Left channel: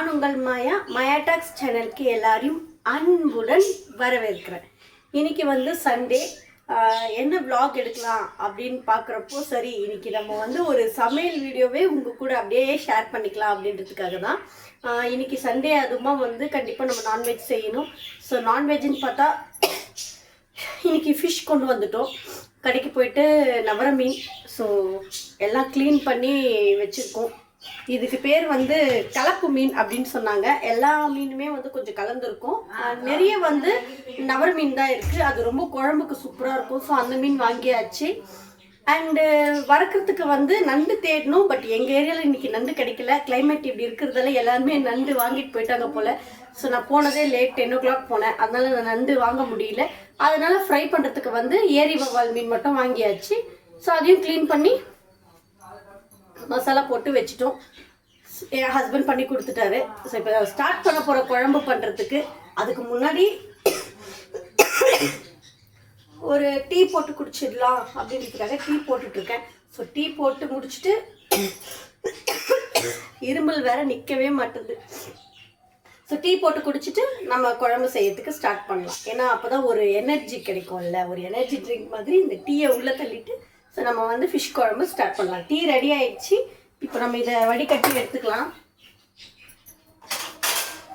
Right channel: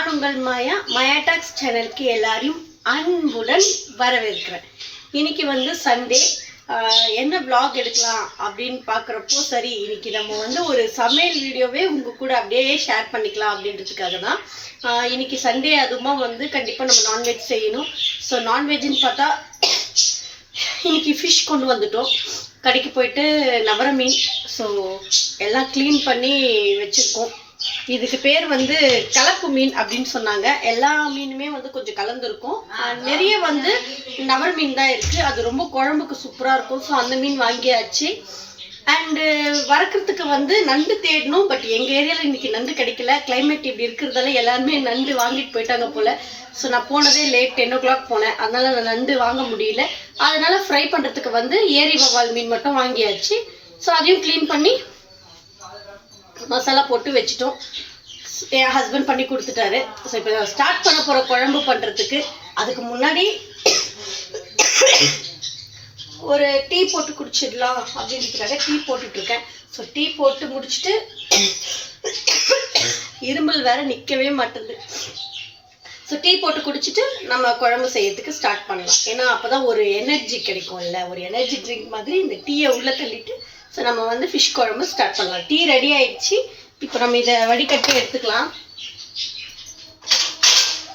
நான் உங்கள் மாயா டாக்ஸ் சேனலுக்கு எல்லாரையும் அன்புடன் வரவேற்கிறேன். இன்னைக்கு வந்து சண்டே, என்ன vlog எடுக்கலாம் அப்படின்னு பார்க்குறப்போ சரி இன்னைக்கு நம்ம ஒரு சமையல் வீடியோவே உங்கள் கூட அப்படியே ஷேர் பண்ணிக்கலாம் அப்படின்றதுக்காக தான். இன்னைக்கு சண்டே, அதுமா கண்டிப்பாக நம்ம நான்வெஜ் செய்யணும். ஸோ நான்வெஜ்ஜுன்னு பார்த்தா இன்னைக்கு ஃபிஷ் கொண்டு வந்துட்டோம். கடைக்கு போயிட்டு நவர மீன், ஸோ எல்லாம் க்ளீன் பண்ணி வச்சுருக்கோம். இதுக்கு பேர் கலப்பு மீன் அப்படின்னு சொன்னாங்க. எல்லா மீனுமே கொஞ்சம் கலந்துருக்கும். நிறைய நவர மீன் தான் இருக்குது. அது ரொம்ப குழம்புக்கு சூப்பராக இருக்கும். ஸோ அந்த மீன் வாங்கியாச்சு. அண்டு வறுக்கிறதுக்கு நண்டு தேடணும். பட் எங்கள் ஏரியாவில் இன்றைக்கி நண்டு கிடைக்கல. கிளைமேட் இப்படி இருக்கிறதால எல்லாருமே நண்டு வாங்கிட்டு போயிட்டாங்க போல். ஸோ நான் போனதே லேட் 10 o'clock போனேன். அதனால் நான் நண்டு வாங்க முடியல. அதனால் ஃப்ரை பண்ணுறதுக்கு ஏரி வவால் மீன் மட்டும் வாங்கியாச்சு. ஸோ அதையும் க்ளீன் பண்ணி மசாலா போட்டு வச்சுட்டோம். என் ஹஸ்பண்ட் பண்ணி கொடுத்துட்டாரு. ஸோ இப்போ ஸ்டார்ட் பண்ண போகிற குழம்பு பண்ணுறதுக்கு அதுக்கு முன்னாடி ஒரு டீ போட்டு குடிச்சிடலாம் அப்படின்றதுக்காக டீ போட்டுட்ருக்கேன். ஸோ டீ போட்டு முடிச்சுட்டு இருமல் வேற நிற்கவே மாட்டேது. ஸோ டீ போட்டு குடிச்சிட்டு நம்ம குழம்பு செய்யறதுக்கு ஸ்டார்ட் பண்ணலாம். ஏன்னா அப்போ தான் ஒரு எனர்ஜி கிடைக்கும்ல, ஒரு எனர்ஜி ட்ரிங்க் மாதிரி இந்த டீயை உள்ளே தள்ளிட்டு ஸோ நம்ம ஃபிஷ் குழம்பு ஸ்டார்ட் பண்ணலாம். டீ ரெடி ஆயிடுச்சு. இப்போ நம்ம இதை வடிகட்டி எடுத்துக்கலாம்.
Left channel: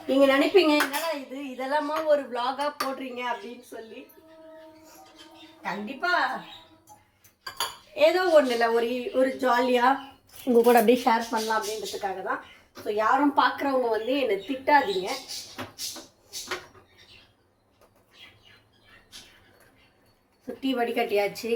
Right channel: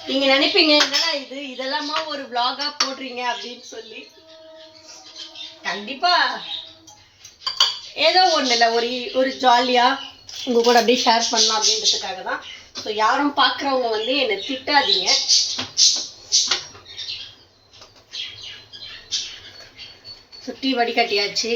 நீங்கள் நினைப்பீங்க என்னடா இதெல்லாமா ஒரு vlog-ஆ போடுறீங்க அப்படின்னு சொல்லி. கண்டிப்பாக ஏதோ ஒன்று இல்லை, ஒரு ஜாலியாக உங்கள் கூட அப்படியே ஷேர் பண்ணலாம் அப்படின்றதுக்காக தான். ஸோ யாரும் பார்க்குறவங்க என்னை திட்டாதீங்க. ஸோ டீ வடிகட்டியாச்சு.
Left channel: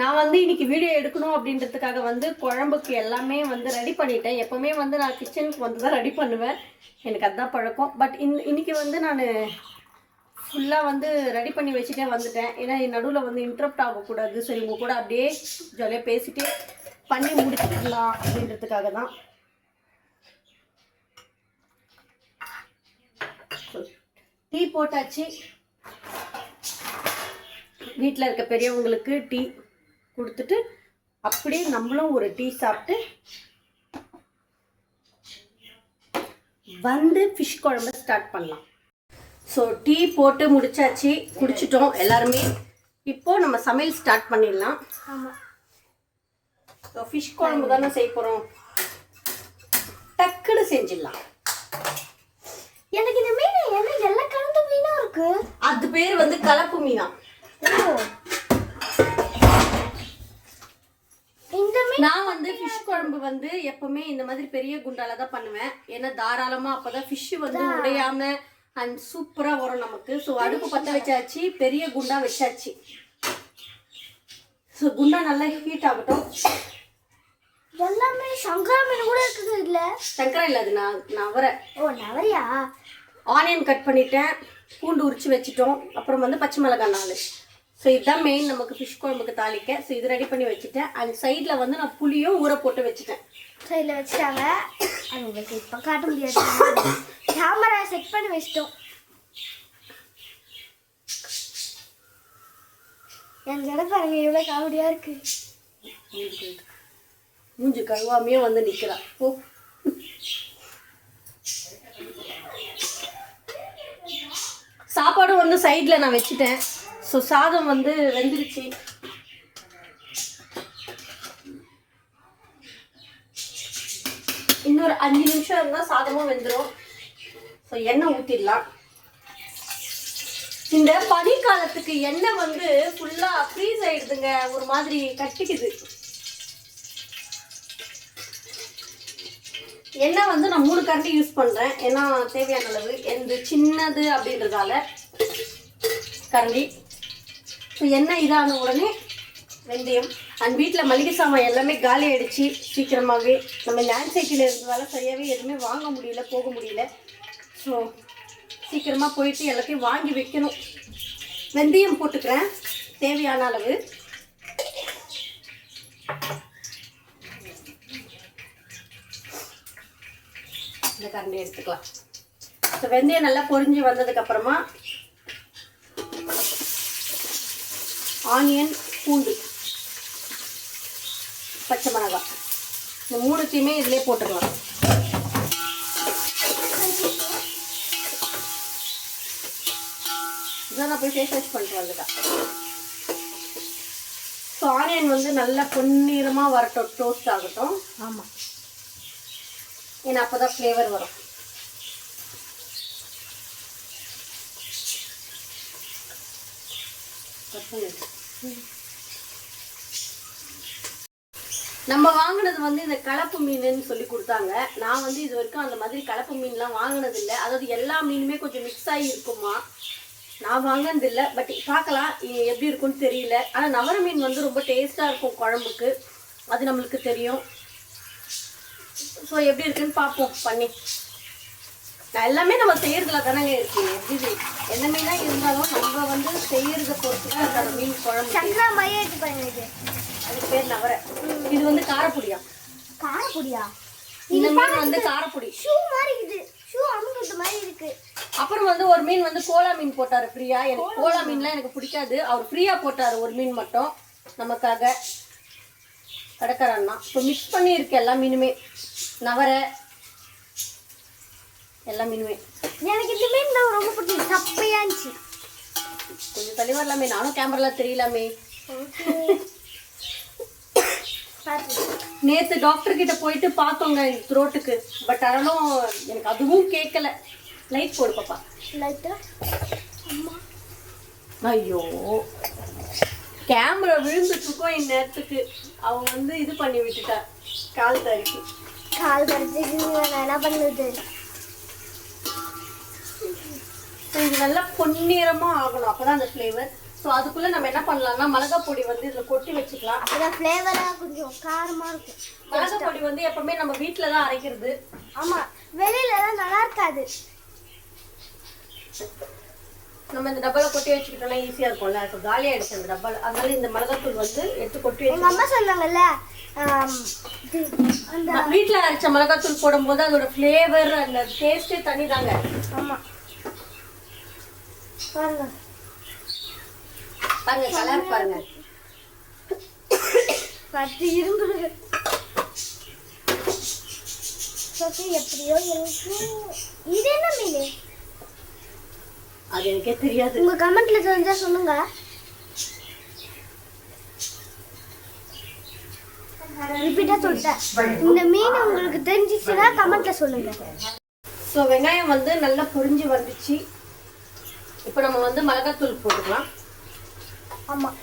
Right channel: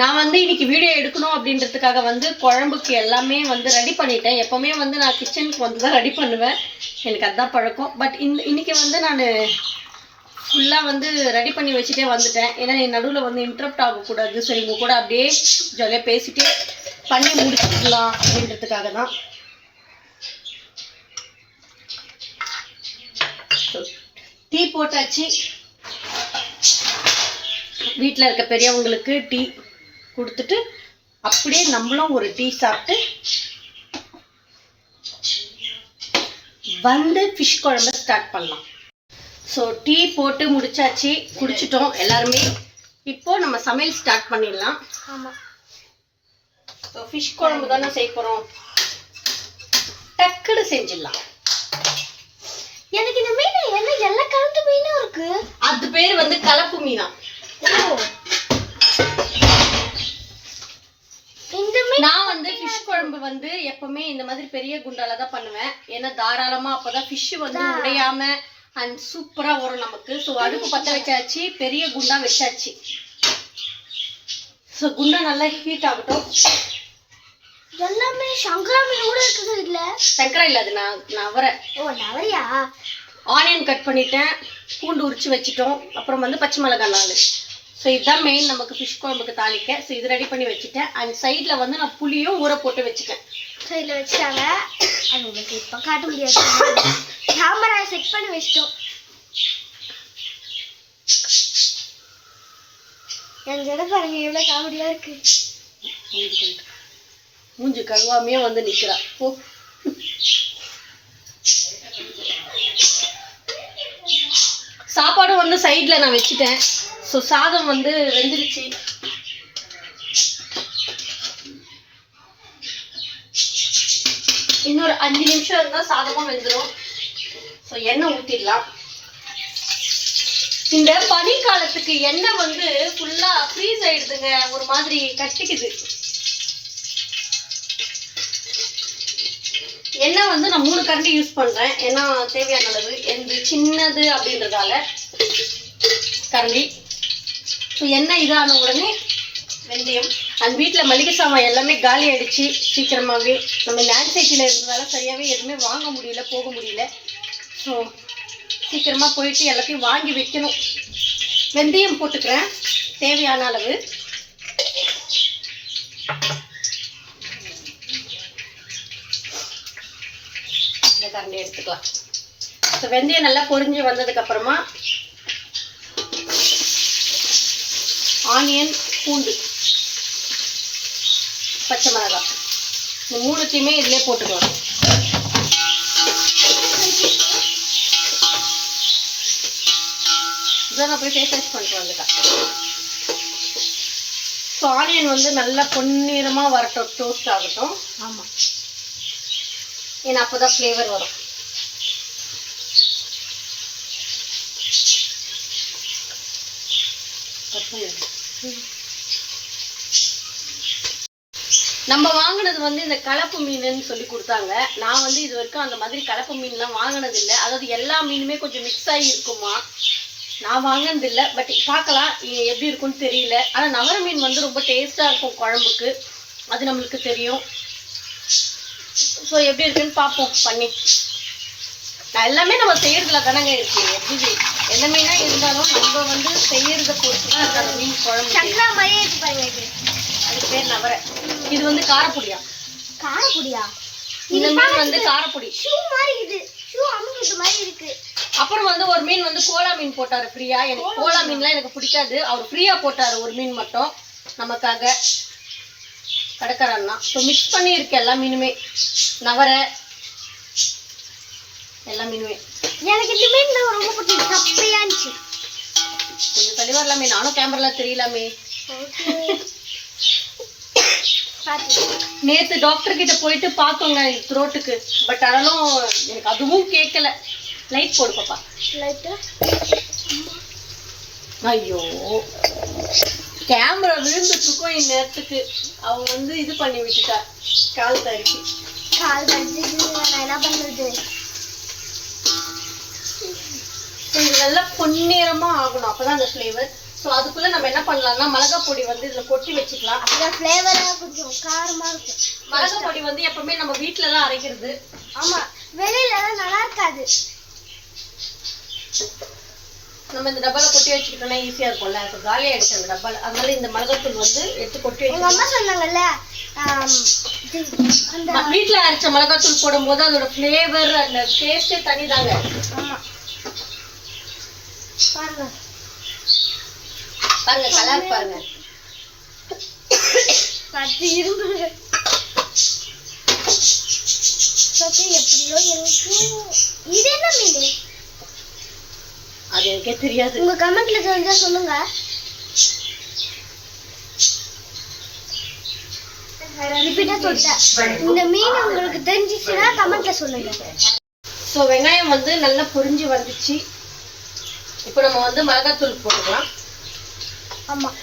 நான் இன்னைக்கு வீடியோ எடுக்கணும் அப்படின்றதுக்காக குழம்புக்கு எல்லாமே ரெடி பண்ணிட்டேன். எப்போவுமே நான் கிச்சனுக்கு தான் ரெடி பண்ணுவேன். எனக்கு அதுதான் பழக்கம். பட் இன்னைக்கு நான் ஃபுல்லாக ரெடி பண்ணி வச்சுட்டே வந்துட்டேன். ஏன்னா என் நடுவில் இன்டரப்ட் ஆகக்கூடாது. சரி உங்கள் கூட அப்படியே ஜாலியாக பேசிட்டு பண்ணி முடிச்சுக்கலாம் அப்படின்றதுக்காக தான். டீ போட்டாச்சு. வீட்டில் இருக்க பெரியவங்களுக்கு டீ கொடுத்துட்டு அப்படியே நம்மளும் ஒரு டீ சாப்பிட்டு ஃபிஷ் குழம்பு ஸ்டார்ட் பண்ணலாம். ஸோ டீ போட்டு முடிச்சாச்சு, குடிச்சிட்டோம் எல்லாருமே. இப்போ நம்ம சமையல் ஸ்டார்ட் பண்ணிடலாம். ஆமாம், ஸோ ஃபிஷ் குழம்பு தானே செய்ய போகிறோம். டக்குன்னு செஞ்சிடலாம். எனக்கு இந்த மீன் என்ன எல்லா கலந்த மீனும் இருக்கு. அது பேர் கலப்பு மீனா. நான் ஃபிஷ் குழம்பு எப்பவுமே இந்த மாதிரி பெரிய குண்டால தான் பண்ணுவேன். ஏன்னா தாராளமா அப்பதான் ஃபிஷ் உடையாம அண்ட் சூப்பரா வரும் நமக்கு. ஸோ அடுப்பு பற்ற வச்சாச்சு, பெரிய குண்டா வச்சாச்சு. ஸோ குண்டா நல்லா ஹீட் ஆகட்டும். எல்லாமே சங்கரா மீன் கூட இருக்குது. இல்ல சங்கரா இல்லை, அது நவரை. ஓ நவரையா? ஆனியன் கட் பண்ணிட்டேன், பூண்டு உரிச்சு வச்சுட்டோம். அப்புறம் பச்சை மிளகாய் 4. ஸோ இதுதான் மெயின் நமக்கு ஃபிஷ் குழம்புக்கு தாளிக்க. ஸோ இது ரெடி பண்ணி வச்சுட்டேன். அண்ட் சைடில் நான் புளியும் ஊற போட்டு வச்சுட்டேன். சைடில் வச்சுட்டாங்க. அது உங்களுக்கு இப்போ காட்ட முடியாது. கேமரா செட் பண்ணி வச்சிட்டோம். என் இடப்பாருங்க இவ்வளோ காமெடியாக இருக்கு. மூஞ்சி கழுவாமையே நிற்கிறா. ஓ, சாப்பாடும் சைடில் நான் வச்சுட்டேன். ஸோ சாதம் வெந்துருச்சு. இன்னொரு 5 நிமிஷம் இருந்தால் சாதமும் வெந்துடும். ஸோ எண்ணெய் ஊற்றிடலாம். இந்த பனிக்காலத்துக்கு எண்ணெய் ஃபுல்லாக ஃப்ரீஸ் ஆகிடுதுங்க, ஒரு மாதிரி கட்டிக்குது. எண்ணெய் நான் 3 கரண்டி யூஸ் பண்ணுறேன். ஏன்னா தேவையான அளவு. எந்த சின்னது அப்படின்றதால கரண்டி. ஸோ எண்ணெய் இதான உடனே வெந்தயம். அண்ட் வீட்டில் மளிகை சாமான் எல்லாமே காலி ஆகிடுச்சு சீக்கிரமாகவே. நம்ம லேண்ட் சைட்டில் இருந்ததால சரியாகவே எதுவுமே வாங்க முடியல, போக முடியல. ஸோ சீக்கிரமாக போயிட்டு எல்லாத்தையும் வாங்கி வைக்கணும். வெந்தயம் போட்டுக்கிறேன் தேவையான அளவு. இந்த கரண்டி எடுத்துக்கலாம். ஸோ வெந்தயம் நல்லா பொரிஞ்சு வந்ததுக்கப்புறமா ஆனியன், பூண்டு பச்சை மிளகாய். இந்த மூணுத்தையுமே இதிலே போட்டுக்கலாம். இதான் நான் போய் ஃபேஸ் வாஷ் பண்ணிட்டு வந்துட்டேன். ஸோ ஆனியன் வந்து நல்லா பொன்னிறமாக வரட்டும், டோஸ்ட் ஆகட்டும். ஆமாம், ஏன்னா அப்போ தான் ஃப்ளேவர் வரும். நம்ம வாங்கினது வந்து இந்த கலப்பு மீனுன்னு சொல்லி கொடுத்தாங்க. நான் வந்து இது வரைக்கும் அந்த மாதிரி கலப்பு மீன்லாம் வாங்கினது இல்லை. அதாவது எல்லா மீனுமே கொஞ்சம் மிக்ஸ் ஆகி இருக்குமா, நான் வாங்கினது இல்லை. பட் பார்க்கலாம் எப்படி இருக்குன்னு தெரியல. ஆனால் நவர மீன் வந்து ரொம்ப டேஸ்ட்டாக இருக்கும் குழம்புக்கு, அது நம்மளுக்கு தெரியும். ஸோ எப்படி இருக்குன்னு பார்ப்போம் பண்ணி. எல்லாமே நம்ம செய்யறதுல தானங்க இருக்கு. எப்படி என்ன மீனா இருந்தாலும் நம்ம வந்து செய்யறத பொறுத்து தான் இருக்கு அந்த மீன் குழம்பு. அதுக்கு பேர் நவர. இது வந்து காரப்பொடியா? காரப்பொடியா? இந்த மீன் வந்து காரப்பொடி. ஷூ மாதிரி இது, ஷூ அமுக்குது மாதிரி இருக்கு. அப்புறம் வந்து ஒரு மீன் வந்து கோலா மீன் போட்டாரு ஃப்ரீயா. எனக்கு கோலா மீன்லாம் எனக்கு பிடிக்காது. அவர் ஃப்ரீயா போட்டாரு ஒரு மீன் மட்டும் நமக்காக, கடைக்காரன்னா. ஸோ மிக்ஸ் பண்ணி இருக்கு எல்லா மீனுமே, நவர எல்லா மீனுமே. எனக்கு இந்த மீன் தான் ரொம்ப பிடிக்கும், சப்பையா இருந்துச்சு. கொஞ்சம் தள்ளி வரலாமே, நானும் கேமரால தெரியலாமே. நேத்து டாக்டர் கிட்ட போயிட்டு பார்த்தோங்க த்ரோட்டுக்கு. பட் ஆனாலும் எனக்கு அதுவும் கேட்கல. லைட் போடு பாப்பா. ஐயோ, கேமரா விழுந்துட்டு இருக்கோம் இந்நேரத்துக்கு. அவங்க வந்து இது பண்ணி விட்டுட்டா, கால் தரிச்சு. என்ன பண்ணுது? இது நல்லா பொன்னிறமா ஆகணும், அப்பதான் அந்த ஃப்ளேவர். ஸோ அதுக்குள்ள நம்ம என்ன பண்ணலாம்னா மிளகாய் பொடி வந்து இதில் கொட்டி வச்சுக்கலாம். அப்பதான் ஃப்ளேவராக கொஞ்சம் காரமாக இருக்கும். மிளகாய் பொடி வந்து எப்பவுமே நம்ம வீட்டில் தான் அரைக்கிறது. ஆமாம், வெளியிலலாம் நல்லா இருக்காது. நம்ம இந்த டப்பால கொட்டி வச்சுக்கிட்டோம்னா ஈஸியாக இருக்கும்ல. இப்போ காலி ஆயிடுச்சு அந்த டப்பால. அதனால இந்த மிளகாத்தூள் வந்து எடுத்து கொட்டி வச்சு. எங்கள் அம்மா சொன்னாங்கல்ல, அந்த வீட்டில் அரைச்ச மிளகாத்தூள் போடும்போது அதோட ஃப்ளேவர் அந்த டேஸ்ட்டே தனி தாங்க. ஆமாம், பாருங்க பாருங்க கலர் பாருங்க. எப்படியோ எனக்கு இது என்ன மீன்? அது எனக்கே தெரியாது. உங்க கமெண்ட்ல தெரிஞ்சா சொல்லுங்க. ரிப்பீட்டா சொல்லிட்டேன். இந்த மீன் உங்களுக்கு தெரிஞ்சிச்சுன்னா கமெண்ட்ல சொல்லுங்க. ஸோ வெங்காயம் வந்து நல்லா பொரிஞ்சு வந்துச்சு. இப்போ நம்ம வந்து மிளகாத்தூள் போட்டுக்கலாம். ஆமாம்,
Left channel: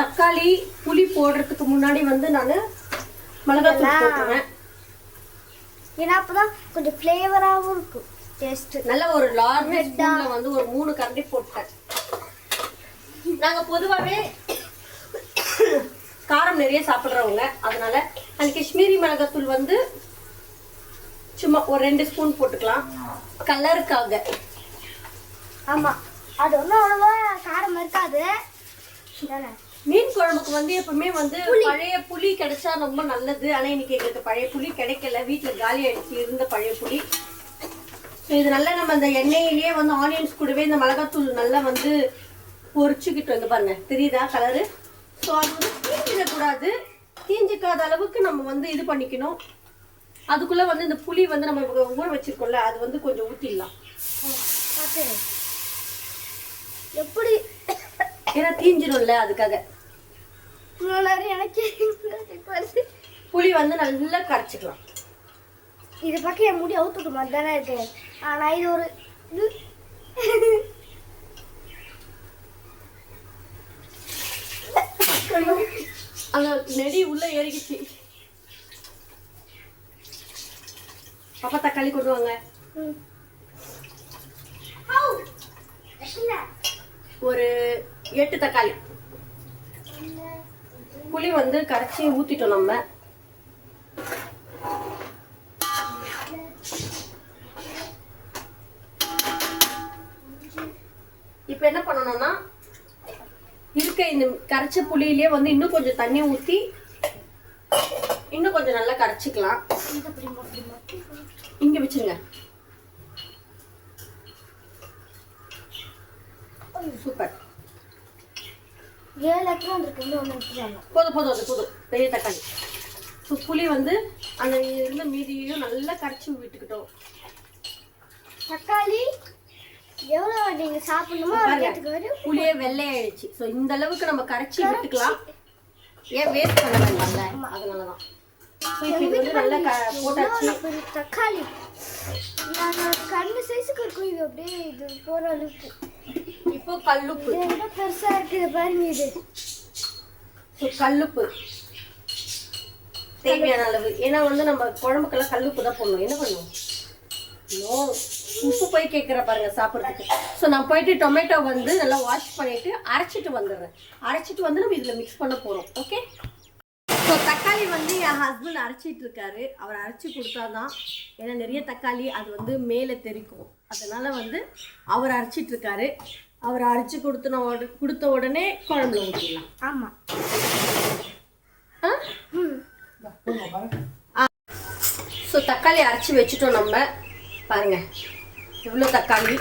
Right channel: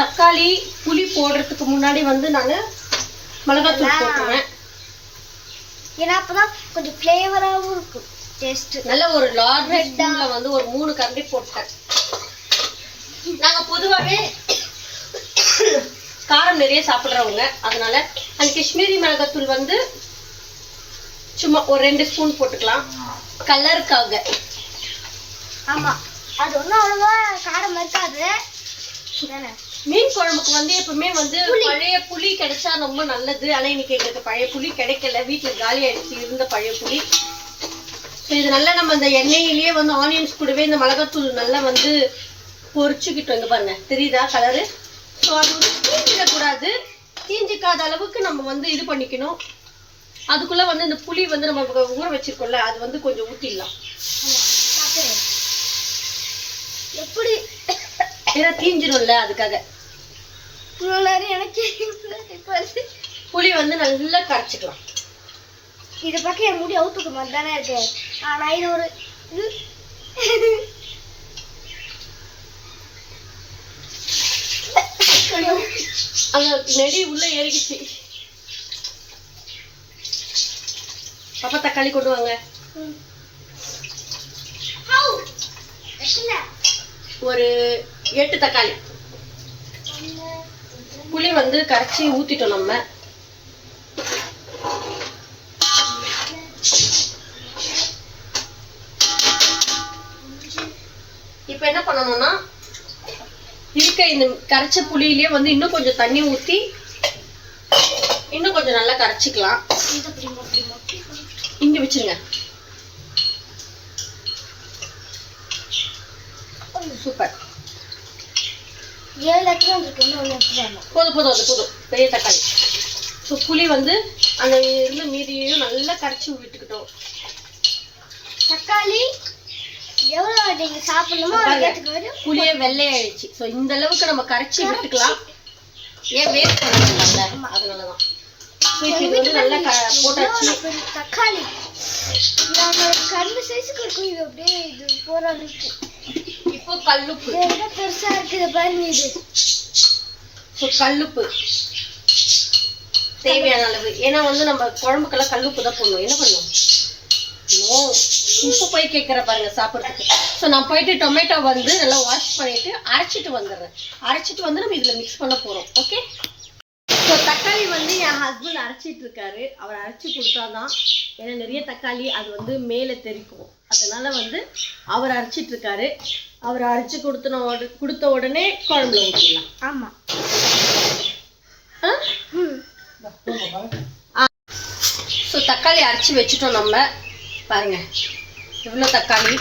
தக்காளி புளி போடுறதுக்கு முன்னாடி வந்து நான் மிளகாத்தூள் போட்டுருவேன். ஏன்னா அப்பதான் கொஞ்சம் ஃப்ளேவராகவும் இருக்கும், டேஸ்ட். நல்ல ஒரு லார்ஜ் ஸ்பூன்ல வந்து ஒரு 3 கரண்டி போட்டேன். நாங்கள் பொதுவாகவே காரம் நிறைய சாப்பிட்றவங்க, அதனால அந்த காஷ்மீரி மிளகாத்தூள் வந்து சும்மா ஒரு 2 ஸ்பூன் போட்டுக்கலாம் கலருக்காக. ஆமாம், அது ஒன்றும் அவ்வளோவா காரம் இருக்காது. மீன் குழம்புக்கு வந்து எப்பவுமே வந்து பழைய புளி கிடைச்சா ரொம்ப நல்லது. ஆனால் இன்னைக்கு எங்களுக்கு பழைய புளி கிடைக்கல, வீட்டில் காலி ஆயிடுச்சு இருந்த பழைய புளி. ஸோ இது நல்லா நம்ம இந்த எண்ணெயிலேயே வந்து ஆனியன்ஸ் கூடவே இந்த மிளகாத்தூள் நல்லா வந்து பொரிச்சுக்கிட்டு வந்து பாருங்க, தெரியுதா கலரு? ஸோ அது வந்து தீஞ்சிடக்கூடாது, தீஞ்சிக்காத அளவுக்கு நம்ம வந்து இது பண்ணிக்கணும். அதுக்குள்ளே வந்து இந்த புளி வந்து நம்ம ஊற வச்சிருக்கோம்ல, அது வந்து கொஞ்சம் ஊற்றிடலாம். எப்படி ஏன்னா தீஞ்சிடும்ல, அதுக்காக புளி வந்து நல்லா கரைச்சிக்கலாம். இதை பக்கம் என் முடி அவுத்துக்கு மாதிரி தானே இருக்கு. ஆனால் இது ஒரு அந்த நெடி உள்ள ஏறிக்கிச்சு. பாப்பா தக்காளி கொண்டு வாங்க. ஒரு 8 தக்காளி. புளி வந்து கரைச்சி ஊத்திட்டோம் நம்ம. இப்போ என்ன பண்ணணும்னா இருக்க இந்த கரைச்ச புளியிலே வந்து இன்னும் கொஞ்சம் தண்ணி ஊற்றி இன்னும் கொஞ்சம் நல்லா கரைச்சிக்கலாம். இங்க வச்சிருங்க. சூப்பர். 7 எத்தனை இருக்கு? இன்னும் ஒன்று எடுத்துட்டு போதும் போதும், அது போதும். பெரிய தக்காளி ஸோ புளி வந்து அந்த இருந்த மீதியையும் நல்லா கரைச்சி விட்டுக்கிட்டோம். தக்காளி எவ்வளோ நீங்கள் சாப்பிடணுமோ புளியே வெள்ளையாயிடுச்சு. ஸோ இந்த அளவுக்கு நம்ம கரைச்சி விட்டுக்கலாம். ஏன் வேஸ்ட் பண்ணல, அதனால தான். ஸோ இப்போ இது வந்து நல்லா போட்டாச்சு. தக்காளி கரும்பு சைஸுக்கு இருக்கும். இது அப்படியே இது போகிற அளவுக்கு. இப்போ கல்லுப்பு பெருசாக இருக்குது பாருங்க. இது ஸோ கல்லுப்பு தேவையான அளவு. ஏன்னா வந்து நம்ம குழம்புக்கெல்லாம் கல்லுப்பு தான் போடணும். என்ன பண்ணுவோம்? உப்பு போய் கேட்குற பாருங்க சாப்பிட்றதுக்கு. ஸோ நான் போயிட்டு டொமேட்டோ வந்து நல்லா வாஷ் பண்ணிட்டு அரைச்சிட்டு வந்துடுறேன். அரைச்சிட்டு வந்து நம்ம இதில் மிக்ஸ் பண்ண போகிறோம். ஓகே. ஸோ தக்காளி வந்து என் ஹஸ்பண்ட் அரைச்சிட்டு இருக்காரு. அவர் அரைச்சி கொடுத்தாதான், ஏன்னா நிறைய தக்காளி அது வந்து மேலே தெரிக்கும். அதனால வந்து அவர் அரைச்சிட்டு இருக்காரு. அவர் அரைச்சி கொடுத்த உடனே குழம்புல ஊற்றிடலாம். ஆமாம். ஸோ தக்காளி அரைச்சி வச்சுட்டோம் நம்ம. பாருங்க இவ்வளோ தக்காளி.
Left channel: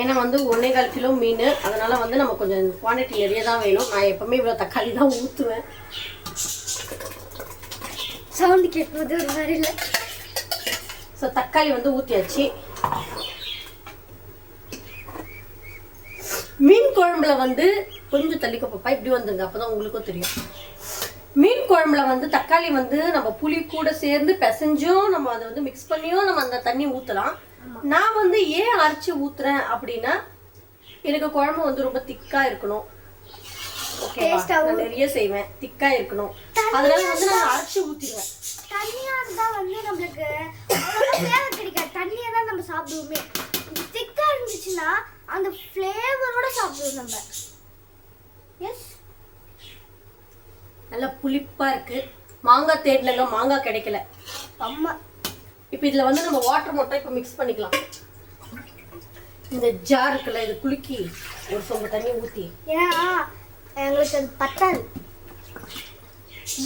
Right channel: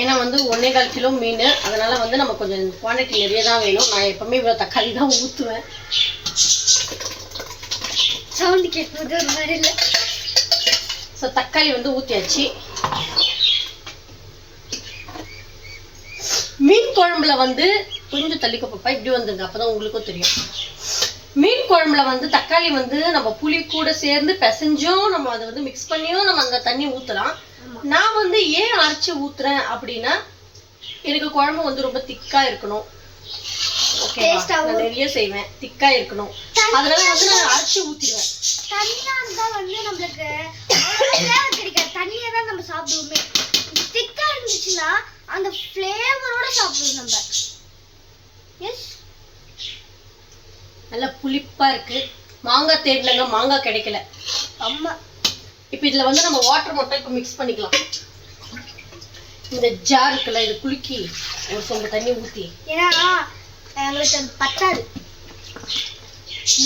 ஏன்னா வந்து 1.25 கிலோ மீன், அதனால வந்து நம்ம கொஞ்சம் குவான்டிட்டி நிறைய தான் வேணும். நான் எப்பவுமே இவ்வளோ தக்காளி தான் ஊற்றுவேன். சவுண்டு கேட்குறது ஒரு மாதிரி இல்லை. ஸோ தக்காளி வந்து ஊற்றியாச்சு. மீன் குழம்புல வந்து கொஞ்சம் தள்ளிக்கோ பாப்பா, இப்படி வந்துங்க, அப்போ தான் உங்களுக்கும் தெரியும். மீன் குழம்புல வந்து தக்காளி வந்து நம்ம புளி கூட சேர்ந்து பிசைஞ்சும் நம்ம அதை வந்து மிக்ஸ் பண்ணியும் நம்ம அந்த தண்ணி ஊற்றலாம். நான் வந்து ஏன் அரைச்சி ஊற்றுறேன் அப்படின்னா, எனக்கு குழம்பு வந்து ரொம்ப திக்காக இருக்கணும். ஓகே, நான் நிறைய செய்வேன், திக்காக இருக்கணும். அதனால வந்து நான் அரைச்சி ஊற்றிடுவேன். தண்ணியாக இருந்தால் வந்து நம்மளுக்கு ஃப்ளேவர் கிடைக்காது. தண்ணியாக தான் நம்ம சாப்பிடுவோமே. திக்காக இருந்துச்சுன்னா அந்த ஃப்ளேவரோட சாப்பிடுவோம் நம்ம. எஸ், நல்லா புளிப்பா இருக்கு. மாங்காய் தேடலங்க, மாங்காய் கிடைக்கல. அம்மா இப்போ இதில் வந்து நம்ம வாட்டர் மட்டும் இப்போ மிக்ஸ் பண்ணிக்கலாம். இந்த ஜார் இருக்குல்ல, இது குலுக்கி ஒரு சொம்பு தண்ணி ஊற்றி. ஏன்னா எங்களுக்கு அது பத்தாது.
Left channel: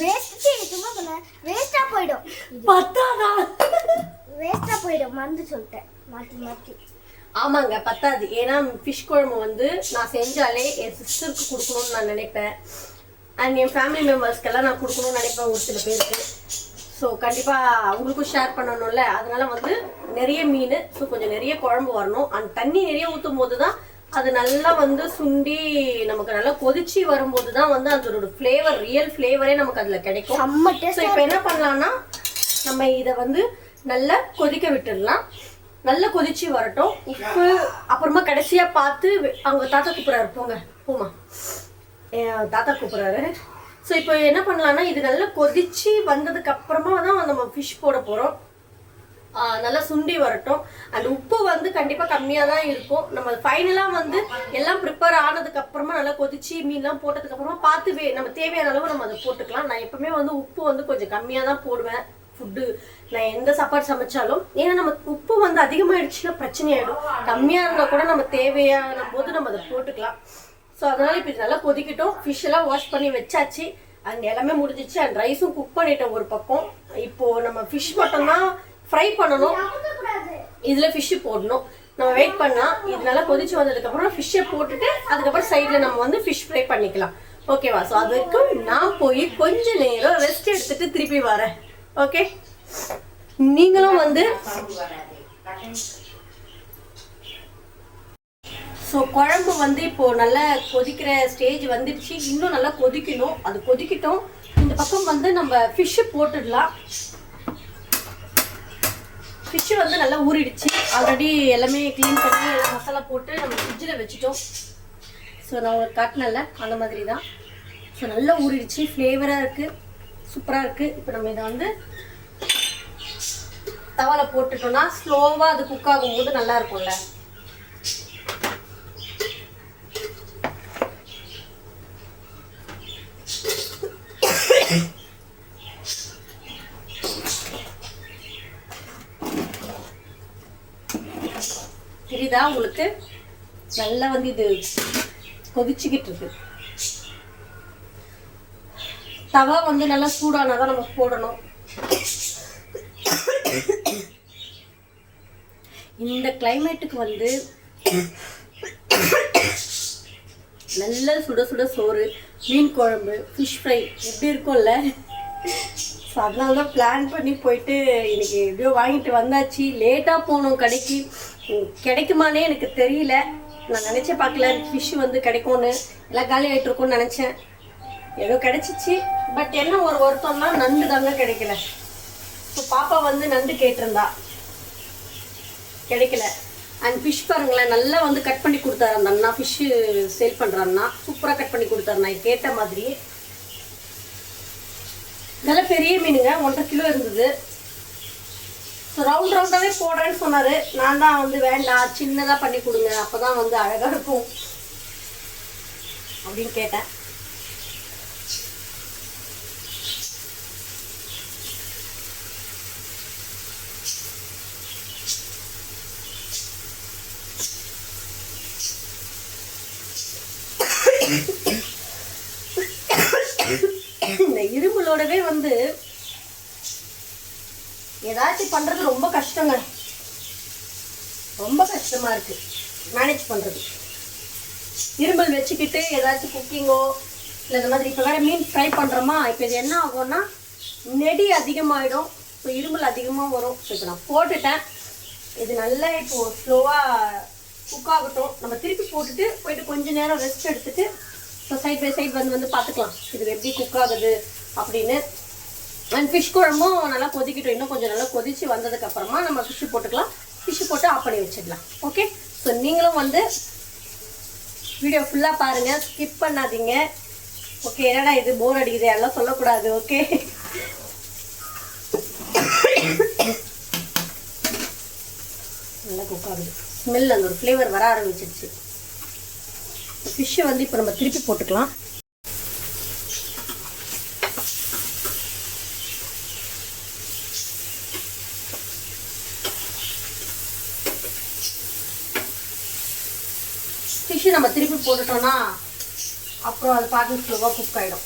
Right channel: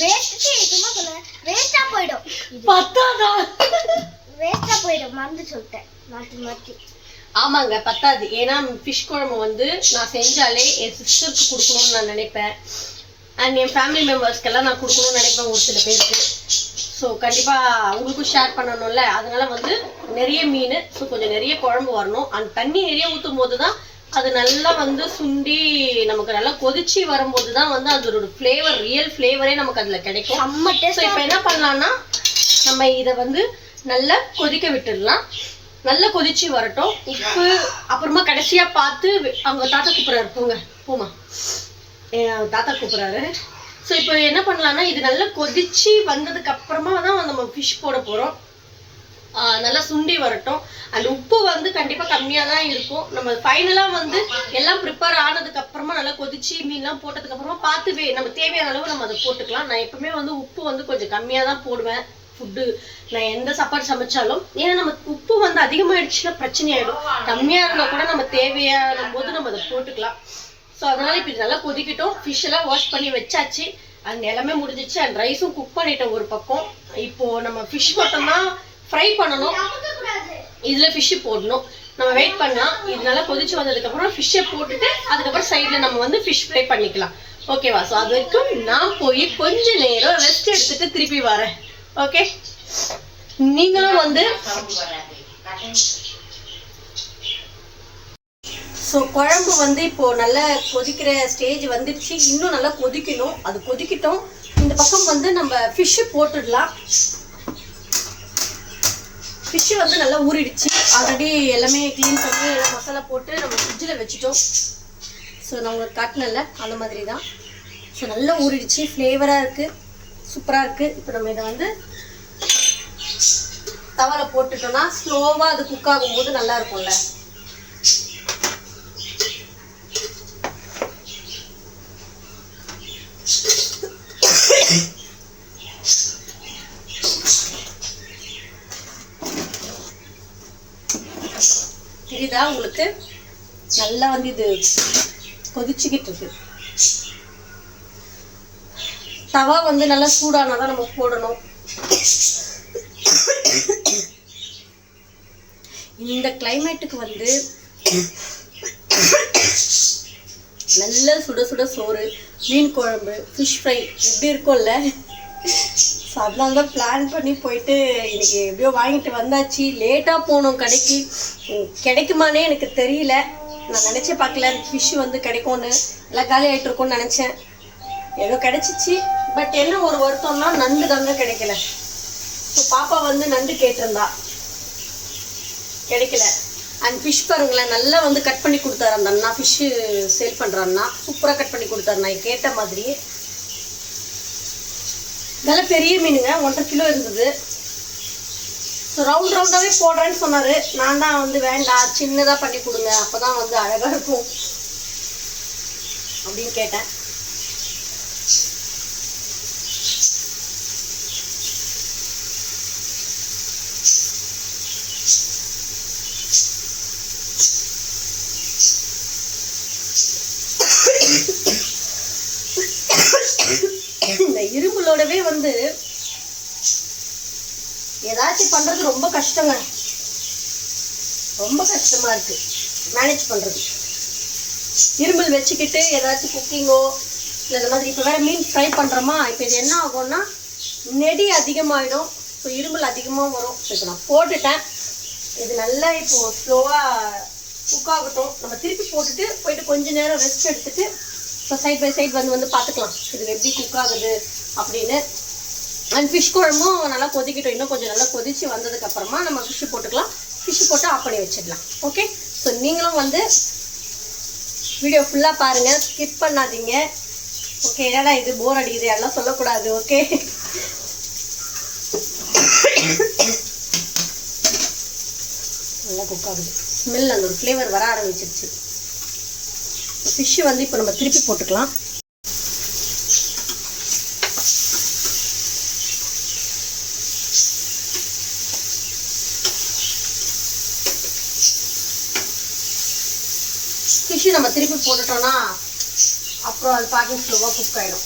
வேஸ்ட்டு சும்மா சொல்ல வேஸ்ட்டாக போயிடும். பத்தாதா? வேஸ்ட்டாக போயிடும். மறந்து சொல்லிட்டேன் மாற்றி மாற்றி. ஆமாங்க, பத்தாது. ஏன்னா ஃபிஷ் குழம்பு வந்து நான் செஞ்சாலே என் சிஸ்டருக்கு கொடுக்கணும்னு நான் நினைப்பேன். அண்ட் என் ஃபேமிலி மெம்பர்ஸ்க்கெல்லாம் நான் கொடுக்கணும்னு நினைப்பேன் ஒரு சில பேருக்கு. ஸோ கண்டிப்பாக அவங்களுக்கும் ஷேர் பண்ணணும்ல. அதனால வந்து நிறைய மீன், ஸோ கொஞ்சம் நிறைய குழம்பு வரணும். அந்த தண்ணி நிறைய ஊற்றும் போது தான் அது நல்லா வந்து சுண்டி நமக்கு நல்லா கொதிச்சு வரும்போது தான் வந்து அதோட ஃப்ளேவர், ரியல் ஃப்ளேவரே நமக்கு அதில் கிடைக்கும். ஸோ இப்போ என்ன பண்ணலான்னா, நம்ம இதை வந்து நல்லா கொதிக்க விட்டுடலாம். நல்லா கொதிச்சு வரட்டும். உப்பு அப்புறமா கடைசியாக பார்த்து அவங்க தாத்தா கூப்பிட்றாரு, போமா தாத்தா கூப்பிட்றாரு. ஸோ இப்போ என்ன பண்ணலான்னா, இது நல்லா கொதிச்சு வந்ததுக்கு அப்புறமா தான் நம்ம ஃபிஷ் போட போகிறோம். நல்லா சுண்டி வரட்டும். அண்ட் உப்பு வந்து கண்டிப்பாக கம்மியாக தான் இருக்கும். நம்ம ஃபைனலாக வந்து எல்லாம் ப்ரிப்பேர் ஆனதுக்கு அப்புறமா நல்லா கொதிச்சு மீன்லாம் போட்டதுக்கு அப்புறமா பார்த்து நம்ம தேவையான அளவு நம்ம அதை போட்டுக்கலாம். நான் எப்பவுமே வந்து உப்பு வந்து கொஞ்சம் கம்மியாக தான் போடுவேன் ஃபுட்டு. நான் எந்த சாப்பாடு சமைச்சாலும். ஏன்னா நம்ம உப்பு வந்து அதிகமாகிடுச்சுன்னா பிரச்சனை ஆகிடும். கம்மியாக இருந்தால் கூட நம்ம தேவையான போது நம்ம அதை போட்டுக்கலாம். ஸோ அதனால் இப்போ இது நல்லா கொதிக்கிட்டோம். ஃபிஷ் எல்லாம் வாஷ் பண்ணி வச்சாச்சு. அண்ட் எல்லாமே முடிஞ்சிச்சு. அண்ட் ரைஸும் குக் பண்ணிட்டோம் ஒரு பக்கம். இப்போது நம்ம ஃபிஷ் மட்டும்தான் ஃப்ரை பண்ணணும். இதில் ஃபிஷ்ஷு போடணும். நம்ம வெயிட் பண்ணால் இது நல்லா கொதிச்சு வந்ததுக்கப்புறம் ஃபிஷ்ஷை போட்டுட்டு அதுக்கப்புறம் சைடில் நம்ம வந்து ஃபிஷ் ஃப்ரை பண்ணிக்கலாம். ஓகேவா? ஸோ அது வரைக்கும் நான் போய் கொஞ்ச நேரம் ரெஸ்ட் எடுத்துகிட்டு திருப்பி வரேன். ஓகே, நீங்களும் வந்து ஸோ குழம்பு வந்து இப்போது நல்லா கொதிக்கிற ஸ்டேஜ் வந்துடுச்சு. இன்னும் நல்லா கொதிக்கணும். அது கொதிக்கிட்டோம். இந்த பக்கம் வந்து நம்ம ஃபிஷ்ஷு போட்டுடலாம். ஃபிஷ்ஷு வந்து நல்லா ஊறிடுச்சு. ஆல்ரெடி எல்லாமே க்ளீன் பண்ணி எல்லாம் மசாலா போட்டு நம்ம ஃப்ரிட்ஜில் வச்சுட்டோம். ஸோ நான் உங்களுக்கு காட்டினேன்ல, அந்த மாதிரி தான். ஸோ நல்லா ஊறிடுச்சு. ஃப்ளேவராக இருக்குது, சூப்பராக இருக்குது. இப்போ நம்ம இதை வந்து தவாவில் போட்டுட்டோம்னா ஸ்லோவாக அது குக் ஆகும்போது நல்லா இருக்கும்ல. தெரியுதா உங்களுக்கு? நல்லா வந்து இது கொதிச்சுக்கிட்டு இருக்கு. தவா வந்து நல்லா சூடானாதான் நம்ம போடணும். இந்த கிளைமேட்டுக்கு வந்து நல்ல சுட சுட சோறு, மீன் குழம்பு, ஃபிஷ் ஃப்ரை எப்படி இருக்கும்ல? ஸோ அதனால தான் பிளான் பண்ணி போயிட்டு இன்னைக்கு எப்படியோ வாங்கிட்டு வந்தாச்சு. லேட்டாக போனோம் கடைக்கு. கிடைக்குமானே எனக்கு தெரியல. நான் நினச்சே பார்க்கல ஃபிஷ் வந்து கிடைக்கும்னு. எல்லாம் காலி ஆகிட்டு இருக்கும்னு நினச்சேன். ஏதோ கிடைச்சிச்சு. பட் என்ன ஒரு வருத்தம்னா நண்டு தாங்க கிடைக்கல. ஸோ பாப்பா வந்து நண்டு கேட்டிருந்தா, கிடைக்கல. அண்ட் ஃபிஷ் பாருங்களேன், நல்லா வந்து கட் பண்ணி கொடுத்தாரு அந்த அண்ணா. ஃபிஷ்ஷு சேல் பண்ணுறாருண்ணா சூப்பராக கட் பண்ணி கொடுத்தாரு. நான் கேட்ட மாதிரி நல்ல பெரிய மீனுங்க, 1.5 கிலோ இருந்தது. ஸோ ரவுண்டாகவே போடுறேன்னு சொன்னார். நான் தான் வந்து வேண்டாம், சின்னதாக பண்ணி கொடுங்க, அப்போ தான் வந்து அழகாக இருக்கும் அப்படின்னு கேட்டேன். இந்த இருமலோடவே வந்து ஏதாச்சும் பண்றது ரொம்ப கஷ்டங்க. ரொம்ப கஷ்டமா இருக்கு மேனேஜ் பண்றது. இருமல் வச்சுக்கிட்டு ஏதாச்சும் குக்கிங்கோ இல்லை இந்த மாதிரி. இப்போ வேற மீன் ஃப்ரை பண்றோமா, இப்போ இது என்ன ஆகும்னா நெடி அதிகமாகிடும். ஸோ இருமல் அதிகமாக வரும். இப்போ நான் போட்டுட்டேன். இது நல்லா இப்போ ஸ்லோவாக குக் ஆகட்டும். நம்ம திருப்பி போயிட்டு கொஞ்ச நேரம் ரெஸ்ட் எடுத்துட்டு ஸோ சைட் பை சைட் வந்து பார்த்துக்கலாம் இது எப்படி குக் ஆகுது அப்படின்னு. அண்ட் ஃபிஷ் குழம்பும் நல்லா கொதிக்கட்டும். இன்னும் கொஞ்சம் நல்லா கொதிச்சு வந்ததுக்கப்புறமா நம்ம ஃபிஷ்ஷு போட்டுக்கலாம். ஃபிஷ்ஷு போட்டு ஆஃப் பண்ணி வச்சிடலாம். ஓகே, ஸோ நீங்களும் வந்து வீடியோ ஃபுல்லாக பாருங்கள், ஸ்கிப் பண்ணாதீங்க. ஓகே, என்னடா இது போர் அடிக்குது எல்லாம் சொல்லக்கூடாது. ஓகே, நல்லா குக் ஆகுது. ஸ்மெல் அந்த ஒரு ஃப்ளேவர் வர ஆரம்பிச்சிருச்சு. ஃபிஷ்ஷை வந்து இப்போ நம்ம திருப்பி போட்டுக்கலாம். ஃபிஷ்ஷு நம்ம திருப்பி போட்டுட்டோம்னா அப்புறம் அது பாக்கி ஸ்லோவாக குக் ஆகிடும்.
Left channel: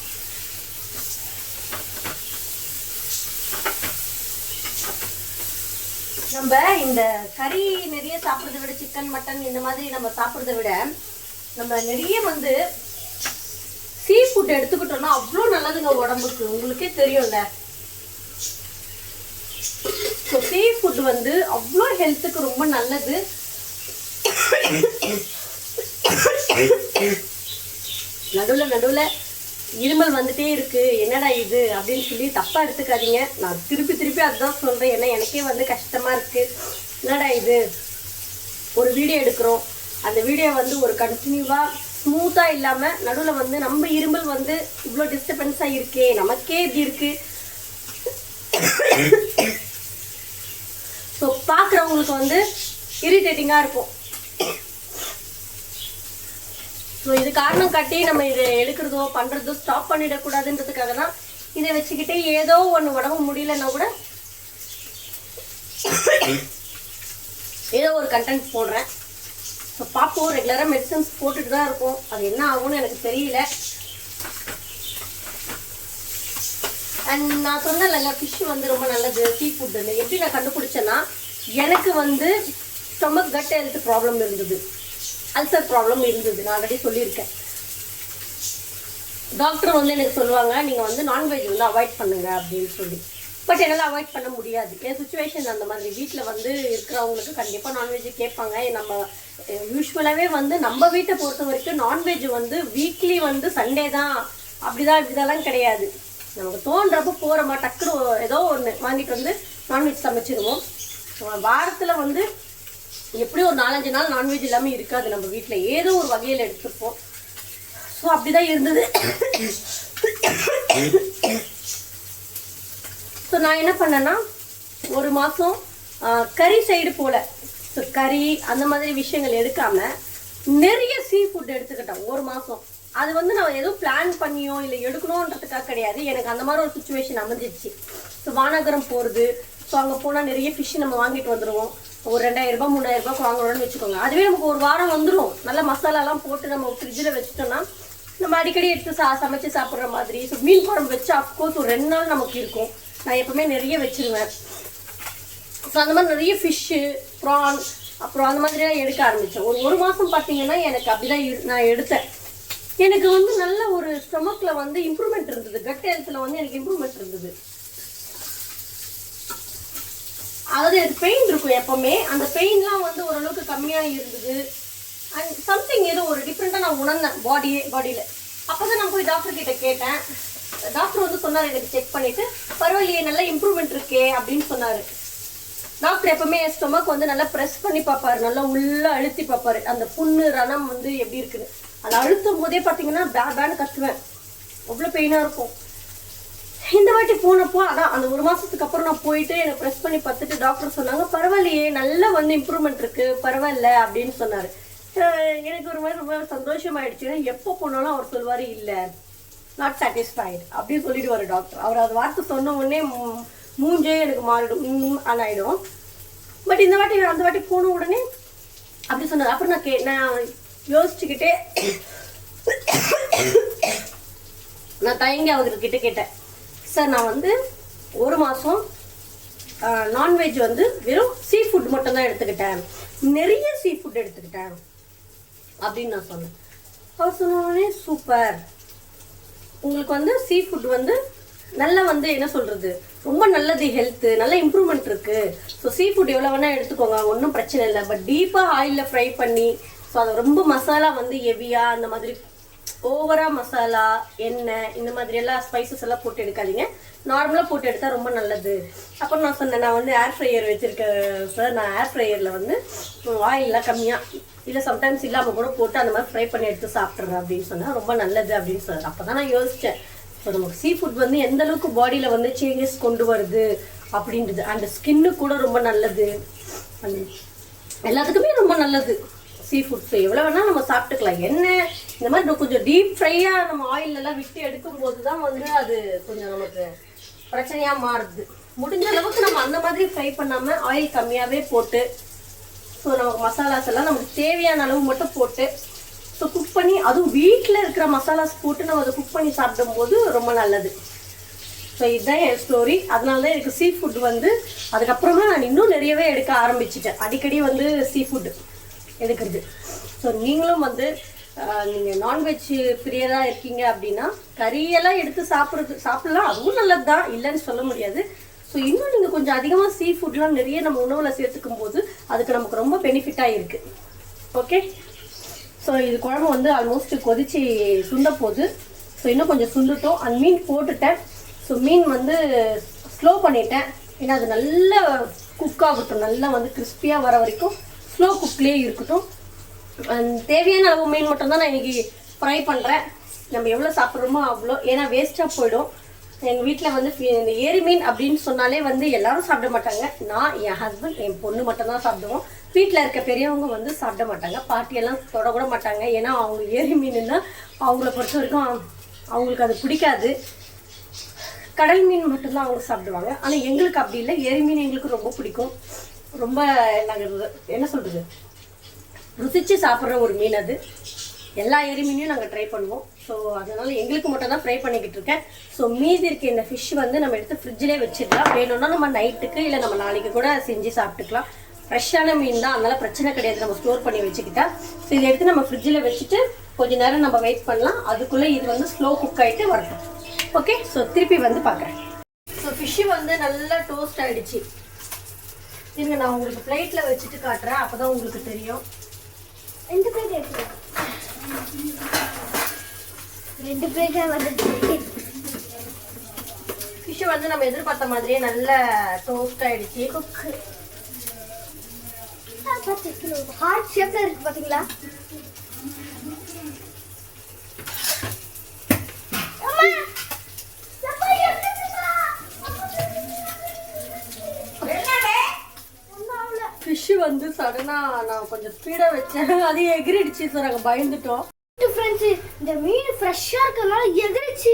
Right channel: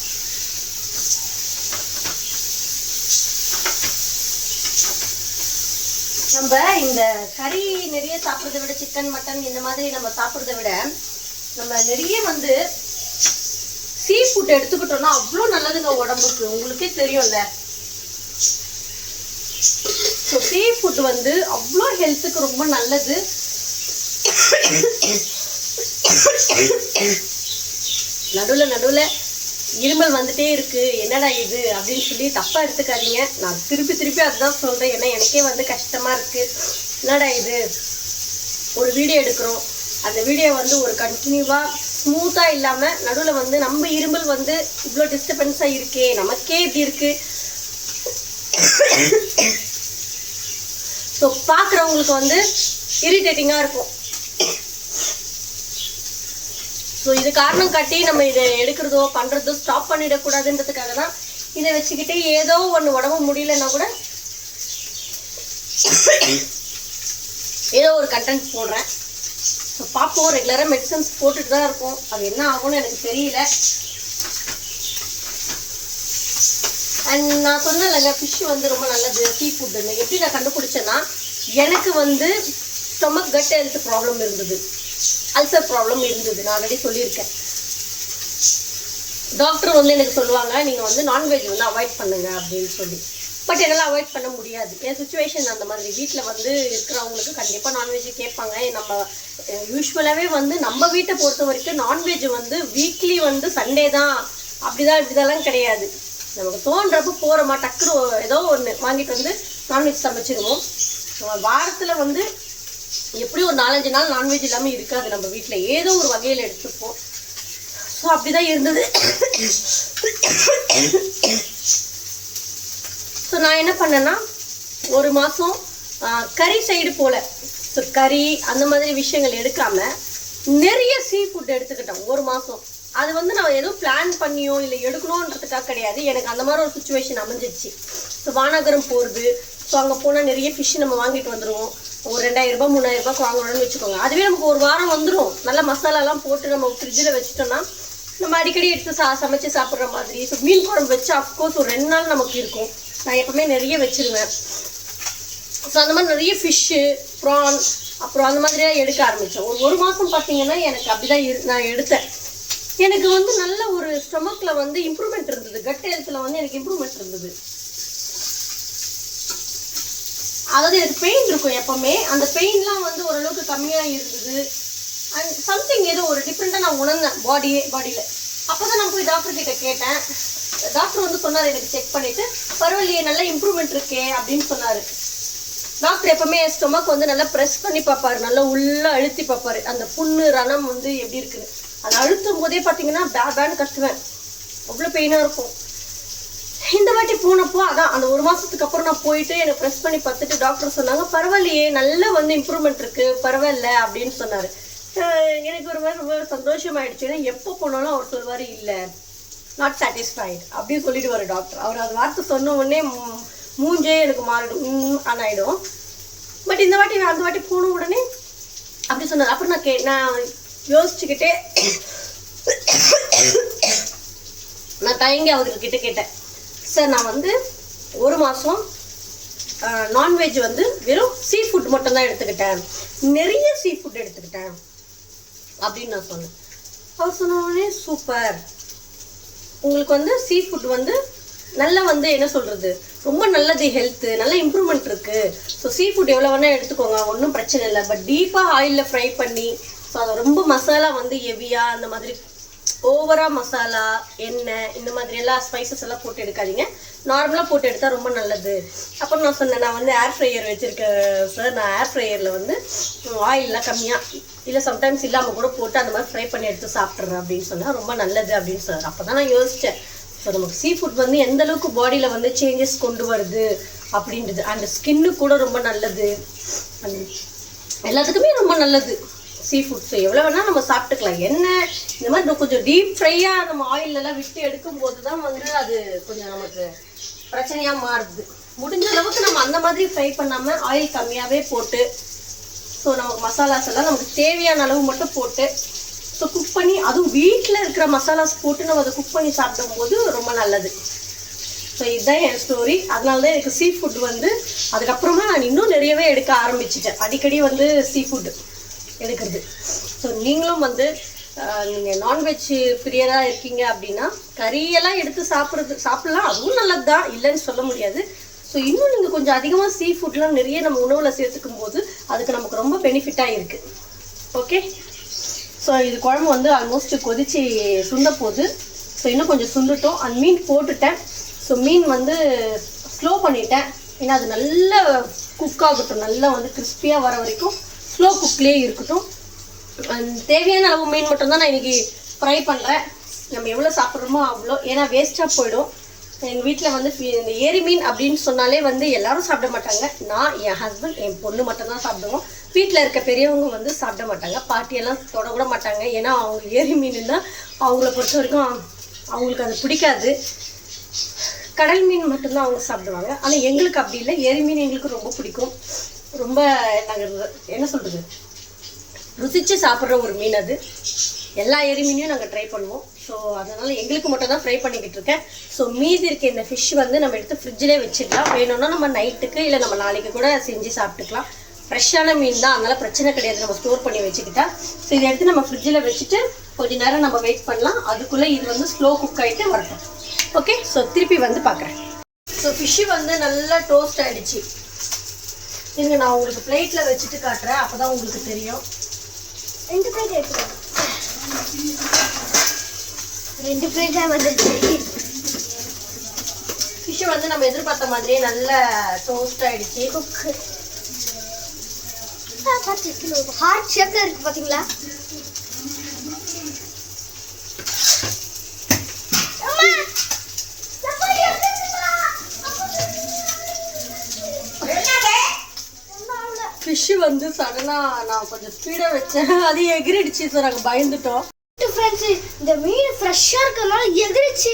நம்ம இந்த கறி நிறைய சாப்பிட்றத விட, சிக்கன் மட்டன் இந்த மாதிரி நம்ம சாப்பிட்றத விட, நம்ம நிறைய வந்து சீ ஃபுட் எடுத்துக்கிட்டோம்னா அவ்வளோ நல்லதுங்க உடம்புக்கு. உங்களுக்கே தெரியும்ல. ஸோ சீ ஃபுட் வந்து அவ்வளோ ஹெல்த்துக்கு ரொம்ப நல்லது. நடுவில் இருமல் வந்துட்டே இருக்கு, என்னடா இது அப்படின்னு சொல்லி தப்பாக எடுத்துக்காதீங்க. நான் திருப்பி அதுதான் சொல்கிறேன். ஏன்னா எனக்கே வந்து கஷ்டமாக இருக்குது. என்னடா இது, ஒரு வீடியோ எடுக்கிறோம், அந்த வீடியோ வந்து ஒரு கண்டினியூவாக ஸ்மூத்தாக இல்லாமல் நடுவில் வந்து நம்ம இருமல் வந்து இவ்வளோ டிஸ்டர்பன்ஸாக இருக்கே, நமக்கே இப்படி இருக்குது. ஸோ பார்க்குறவங்களுக்கு வந்து இரிட்டேட்டிங்காக இருக்கும். ஸோ இது காரணம் காட்டி நம்ம இதை எடுக்கிறதோ பண்ணுறதோ ஸ்டாப் பண்ணிடக்கூடாதுன்றதுக்காக தான் இதை வச்சுக்கிட்டு ஏதோ ஒன்று உடம்பு முடியலன்னா கூட ஏதோ ஒரு கண்டென்ட் போடுறேன். ஸோ பார்ப்போம். ரெகுலராக மெடிசன்ஸ் போட்டுட்டு தான் இருக்கும். அது என்ன ஆகும்னு எனக்கு தெரியல. அண்ட் நான் சொன்னேன்லங்க, ஃபிஷ் வந்து ரொம்ப நல்லது சீ ஃபுட்டுன்னு. எப்படி நான் கண்டுபிடிச்சேன்னா, எனக்கு வந்து ஸ்டொமக் கட் ஹெல்த் ப்ராப்ளம் இருந்தது, அல்சர் ப்ராப்ளம் இருந்தது. நான் ஆல்ரெடி சொல்லியிருக்கேன். டாக்டர் வந்து எனக்கு சொல்லுவாங்க, நீங்கள் வந்து நான்வெஜ் வந்து அவாய்ட் பண்ணுங்க அப்படின்னு சொல்லி. பட் என்னால் அவாய்ட் பண்ண முடியாது. என் சுச்சுவேஷன் அந்த மாதிரி. வீட்டில் வந்து இருக்கிறவங்களுக்கு கண்டிப்பாக நான்வெஜ் கேட்பாங்க. நம்ம யூஸ்வலாகவே வந்து நம்ம வீட்டை பொறுத்த வரைக்கும் நான்வெஜ் வந்து வீக்லி வந்து சண்டே தான், அப்படிதான் இப்படிதான்லாம் கிடையாது. நமக்கு தோன்றப்போ போகிறோமா, டக்குனு ஏதோ ஒன்று வாங்கிட்டு வந்து நான்வெஜ் சமைச்சிடுவோம். வாரத்தில் வந்து எப்படி ஒரு 4-5 நாள் நான்வெஜ் இல்லாமல் இருக்காது நம்ம வீட்டில். ஏதோ ஒரு வகையில் எடுத்துப்போம். ஸோ அப்படிதான் இருந்தது. ஸோ நான் என்ன பண்ணேன்னா, ஒரு மாதம் கறி சைடு போல, ஸோ கறி அந்த மாதிரி விஷயங்கள் எடுக்காமல் நிறைய சீ ஃபுட் எடுத்துக்கிட்டேன் ஒரு மாதம். அது வந்து நான் எதுவும் பிளான் பண்ணியோ இல்லை எடுக்கணுன்றதுக்காக கிடையாது. எனக்கு அந்த மாதிரி ஒரு சுச்சுவேஷன் அமைஞ்சிச்சு. ஸோ வானகரம் போகிறது, ஸோ அங்கே போனால் நிறைய ஃபிஷ் நம்ம வாங்கிட்டு வந்துடுவோம். ஒரு 2000 ரூபாய் 3000 ரூபாய்க்கு வாங்கணும்னு வச்சுக்கோங்க. அதுவே நமக்கு ஒரு வாரம் வந்துடும். நல்ல மசாலாலாம் போட்டு நம்ம ஃப்ரிட்ஜில் வச்சுட்டோம்னா நம்ம அடிக்கடி எடுத்து சமைச்சு சாப்பிட்ற மாதிரி. ஸோ மீன் குழம்பு வச்சு அஃப்கோர்ஸ் ஒரு 2 நாள் நமக்கு இருக்கும். நான் எப்பவுமே நிறைய வச்சுருவேன். ஸோ அந்த மாதிரி நிறைய ஃபிஷ்ஷு, ப்ரான், அப்புறம் அந்த மாதிரியாக எடுக்க ஆரம்பித்தேன். ஒரு மாதம் பார்த்தீங்கன்னா எனக்கு அப்படி தான் நான் எடுத்தேன். எனக்கு வந்து நல்ல ஒரு ஸ்டொமக்ல வந்து இம்ப்ரூவ்மெண்ட் இருந்தது, கட் ஹெல்த்ல வந்து எனக்கு இம்ப்ரூவ்மெண்ட் இருந்தது. அதாவது எனக்கு பெயின் இருக்கும் எப்பவுமே, அந்த பெயின்லாம் வந்து ஓரளவுக்கு கம்மியாக இருந்தது. அண்ட் சம்திங் ஏதோ ஒரு டிஃப்ரெண்ட்டாக நான் உணர்ந்தேன் பாடியில். அப்போ தான் நான் போய் டாக்டர் கிட்ட கேட்டேன். டாக்டர் வந்து சொன்னார், எனக்கு செக் பண்ணிவிட்டு பரவாயில்லையே நல்ல இம்ப்ரூவ்மெண்ட் இருக்கே அப்படின்னு சொன்னார். டாக்டர் எப்பவுமே ஸ்டொமக் வந்து நல்லா ப்ரெஸ் பண்ணி பார்ப்பாரு, நல்லா உள்ளே அழுத்தி பார்ப்பாரு, அந்த புண்ணு ரணம் வந்து எப்படி இருக்குன்னு. அதை அழுத்தும் போதே பார்த்தீங்கன்னா பேன்னு கத்துவேன், அவ்வளோ பெயினாக இருக்கும். இந்த வாட்டி போனப்போ அதான் அந்த 1 மாதத்துக்கு அப்புறம் நான் போயிட்டு எனக்கு ப்ரெஸ் பண்ணி பார்த்துட்டு டாக்டர் சொன்னாங்க, பரவாயில்லையே நல்லா வந்து இம்ப்ரூவ்மெண்ட் இருக்குது, பரவாயில்ல அப்படின்னு சொன்னார். எனக்கு ஒரு மாதிரி ரொம்ப சந்தோஷமாயிடுச்சு. ஏன்னா எப்போ போனாலும் அவர் சொல்வார், இல்லை நாட் சாட்டிஸ்ஃபைடு அப்படின்னு சொல்லிட்டு வர டாக்டர். அவர் அது வார்த்தை சொன்ன உடனே மூஞ்சே எனக்கு மாறிடும் ஆனாயிடும். பட் இந்த வாட்டி அந்த வாட்டி போன உடனே அப்படி சொன்னார். அப்புறம் நான் யோசிச்சுக்கிட்டே நான் தயங்கி அவர்கிட்ட கேட்டேன், சார் நான் வந்து 1 மாதம் நான்வெஜ் வந்து வெறும் சீ ஃபுட் மட்டும்தான் எடுத்துக்கிட்டேன், நிறைய சீ ஃபுட் எடுத்துக்கிட்டேன் அப்படின்னு நான் சொன்னேன். அவர் சொன்ன உடனே சூப்பர், உங்களுக்கு வந்து சீ ஃபுட் வந்து நல்லா வந்து என்ன சொல்கிறது ரொம்ப நல்லது, ஹெல்த்து நல்ல இம்ப்ரூவ்மெண்ட் இருக்குது. ஸோ சீ ஃபுட் எவ்வளோ வேணால் எடுத்துக்கோங்க, ஒன்றும் பிரச்சனை இல்லை. பட் டீப்பாக ஆயிலில் ஃப்ரை பண்ணி, ஸோ அதை ரொம்ப மசாலா வந்து ஹெவியாக அந்த மாதிரி ஓவராக மசாலா எண்ணெய் இந்த மாதிரி எல்லாம் ஸ்பைசஸ் எல்லாம் போட்டு எடுக்காதீங்க, நார்மலாக போட்டு எடுத்தால் ரொம்ப நல்லது. அப்புறம் நான் சொன்னேன், நான் வந்து ஏர் ஃப்ரையர் வச்சுருக்கேன் சார், நான் ஏர் ஃப்ரையரில் வந்து ஆயிலெலாம் கம்மியாக இல்லை சம்டைம்ஸ் இல்லாமல் கூட போட்டு அந்த மாதிரி ஃப்ரை பண்ணி எடுத்து சாப்பிட்றேன் அப்படின்னு சொன்னால் ரொம்ப நல்லது அப்படின்னு சார். அப்போ தான் நான் யோசித்தேன், ஸோ நமக்கு சீ ஃபுட் வந்து எந்த அளவுக்கு பாடியில் வந்து சேஞ்சஸ் கொண்டு வருது அப்படின்றது. அண்ட் ஸ்கின்னு கூட ரொம்ப நல்லது, எல்லாத்துக்குமே ரொம்ப நல்லது சீ ஃபுட்ஸ். எவ்வளோ வேணால் நம்ம சாப்பிட்டுக்கலாம். என்ன இந்த மாதிரி கொஞ்சம் டீப் ஃப்ரையாக நம்ம ஆயிலெல்லாம் விட்டு எடுக்கும்போது தான் வந்து அது கொஞ்சம் நமக்கு பிரச்சனையாக மாறுது. முடிஞ்ச அளவுக்கு நம்ம அந்த மாதிரி ஃப்ரை பண்ணாமல் ஆயில் கம்மியாகவே போட்டு, ஸோ நமக்கு மசாலாஸ் எல்லாம் நமக்கு தேவையான அளவு மட்டும் போட்டு ஸோ குக் பண்ணி, அதுவும் வீட்டில் இருக்கிற மசாலாஸ் போட்டு நம்ம அதை குக் பண்ணி சாப்பிடும்போது ரொம்ப நல்லது. ஸோ இதுதான் என் ஸ்டோரி. அதனால தான் எனக்கு சீ ஃபுட் வந்து அதுக்கப்புறமா நான் இன்னும் நிறையவே எடுக்க ஆரம்பிச்சிட்டேன், அடிக்கடி வந்து சீ ஃபுட் எடுக்கிறது. ஸோ நீங்களும் வந்து நீங்கள் நான்வெஜ் பிரியராக இருக்கீங்க அப்படின்னா கறியெல்லாம் எடுத்து சாப்பிடலாம், அதுவும் நல்லது தான், இல்லைன்னு சொல்ல முடியாது. ஸோ இன்னும் நீங்கள் கொஞ்சம் அதிகமாக சீ ஃபுட்லாம் நிறைய நம்ம உணவில் சேர்த்துக்கும் போது அதுக்கு நமக்கு ரொம்ப பெனிஃபிட்டாக இருக்குது. ஓகே, ஸோ இது குழம்பு வந்து ஆல்மோஸ்ட் கொதிச்சு சுண்ட போகுது. ஸோ இன்னும் கொஞ்சம் சுண்டுட்டோம். அந்த மீன் போட்டுட்டேன். ஸோ மீன் வந்து ஸ்லோ பண்ணிட்டேன், ஏன்னா அது நல்லா குக் ஆகட்டும், நல்லா வந்து கிறிஸ்பியாக வர வரைக்கும் ஸ்லோ குக்லேயே இருக்கட்டும். தேவையான அளவு மீன் மட்டும்தான் நான் இன்றைக்கி ஃப்ரை பண்ணுறேன். நம்ம எவ்வளோ சாப்பிட்றோமோ அவ்வளோ, ஏன்னா வேஸ்ட்டாக போயிடும். எங்கள் வீட்டில் வந்து இந்த ஏரி மீன் அப்படின்னு சொன்னாலே வந்து எல்லாரும் சாப்பிட மாட்டாங்க. நான், என் ஹஸ்பண்ட், என் பொண்ணு மட்டும்தான் சாப்பிடுவோம். வீட்டில் இருக்க பெரியவங்க வந்து சாப்பிட மாட்டாங்க, பாட்டியெல்லாம் தொடக்கூட மாட்டாங்க. ஏன்னா அவங்க ஏரி மீனுன்னா அவங்கள பொறுத்த வரைக்கும் அவங்களுக்கு அது பிடிக்காது. கடல் மீன் மட்டும்தான் அவங்க சாப்பிடுவாங்க. ஆனால் எங்களுக்கு அப்படி இல்லை, ஏரி மீன் எங்களுக்கு ரொம்ப பிடிக்கும். ரொம்ப நாங்கள் என்ன சொல்கிறது ருசித்து சாப்பிட்ற ஒரு மீன் அது. எல்லா ஏரி மீனையும் நாங்கள் ட்ரை பண்ணுவோம். ஸோ அதனால் எங்களுக்கு மட்டும் தான் ஃப்ரை பண்ணிக்கிட்டு இருக்கேன். ஸோ மீதி இருக்க இந்த ஃபிஷ் வந்து நம்ம எடுத்து ஃப்ரிட்ஜிலே வச்சுக்கலாம். வேணும்னா நம்ம நைட்டுக்கு இல்லை நம்ம நாளைக்கு கூட செஞ்சு சாப்பிட்டுக்கலாம். ஃப்ரெஷ்ஷான மீன் தான், அதனால் பிரச்சனை கிடையாது, நம்ம ஸ்டோர் பண்ணி வச்சுக்கிட்டா. ஸோ இதை எடுத்து நம்ம ஃப்ரிட்ஜில் வச்சுட்டு கொஞ்சம் நேரம் நம்ம வெயிட் பண்ணலாம். அதுக்குள்ளே இது வந்து ஸ்லோ குக் ஆகிட்டு வரட்டும். ஓகே, ஸோ திருப்பி வந்து பார்க்குறேன். ஸோ ஃபிஷ்ஷு வந்து நல்லா டோஸ்ட் ஆகிடுச்சு. இருங்க, நான் உங்களுக்கு பிளேட்டில் வச்சுட்டு காட்டுறேன், அப்போ தான் உங்களுக்கு தெரியும். 2 பிளேட் எடுத்துக்கலாம். 2 பிளேட்டாக வந்துடுச்சு. ஃபிஷ்ஷு வந்து நம்ம எதிர்பார்த்த மாதிரியே நல்லா டோஸ்ட் ஆகிடுச்சு. குக்கு ஹார்ட் ஷேப்ல இருக்கு பாத்தீங்களா? ஃபிஷ்ஷு வந்து சடனாக நான் கொஞ்சம் ஸ்பீடாக வச்சேன், அது எகிரிடுச்சு. ஸோ நாங்கள் பயந்துட்டோம். ஃப்ரெண்ட்ஸு, இந்த மீன் ஃப்ரெஷ்ஷாக இருக்கிறதுனால எகிரிச்சு.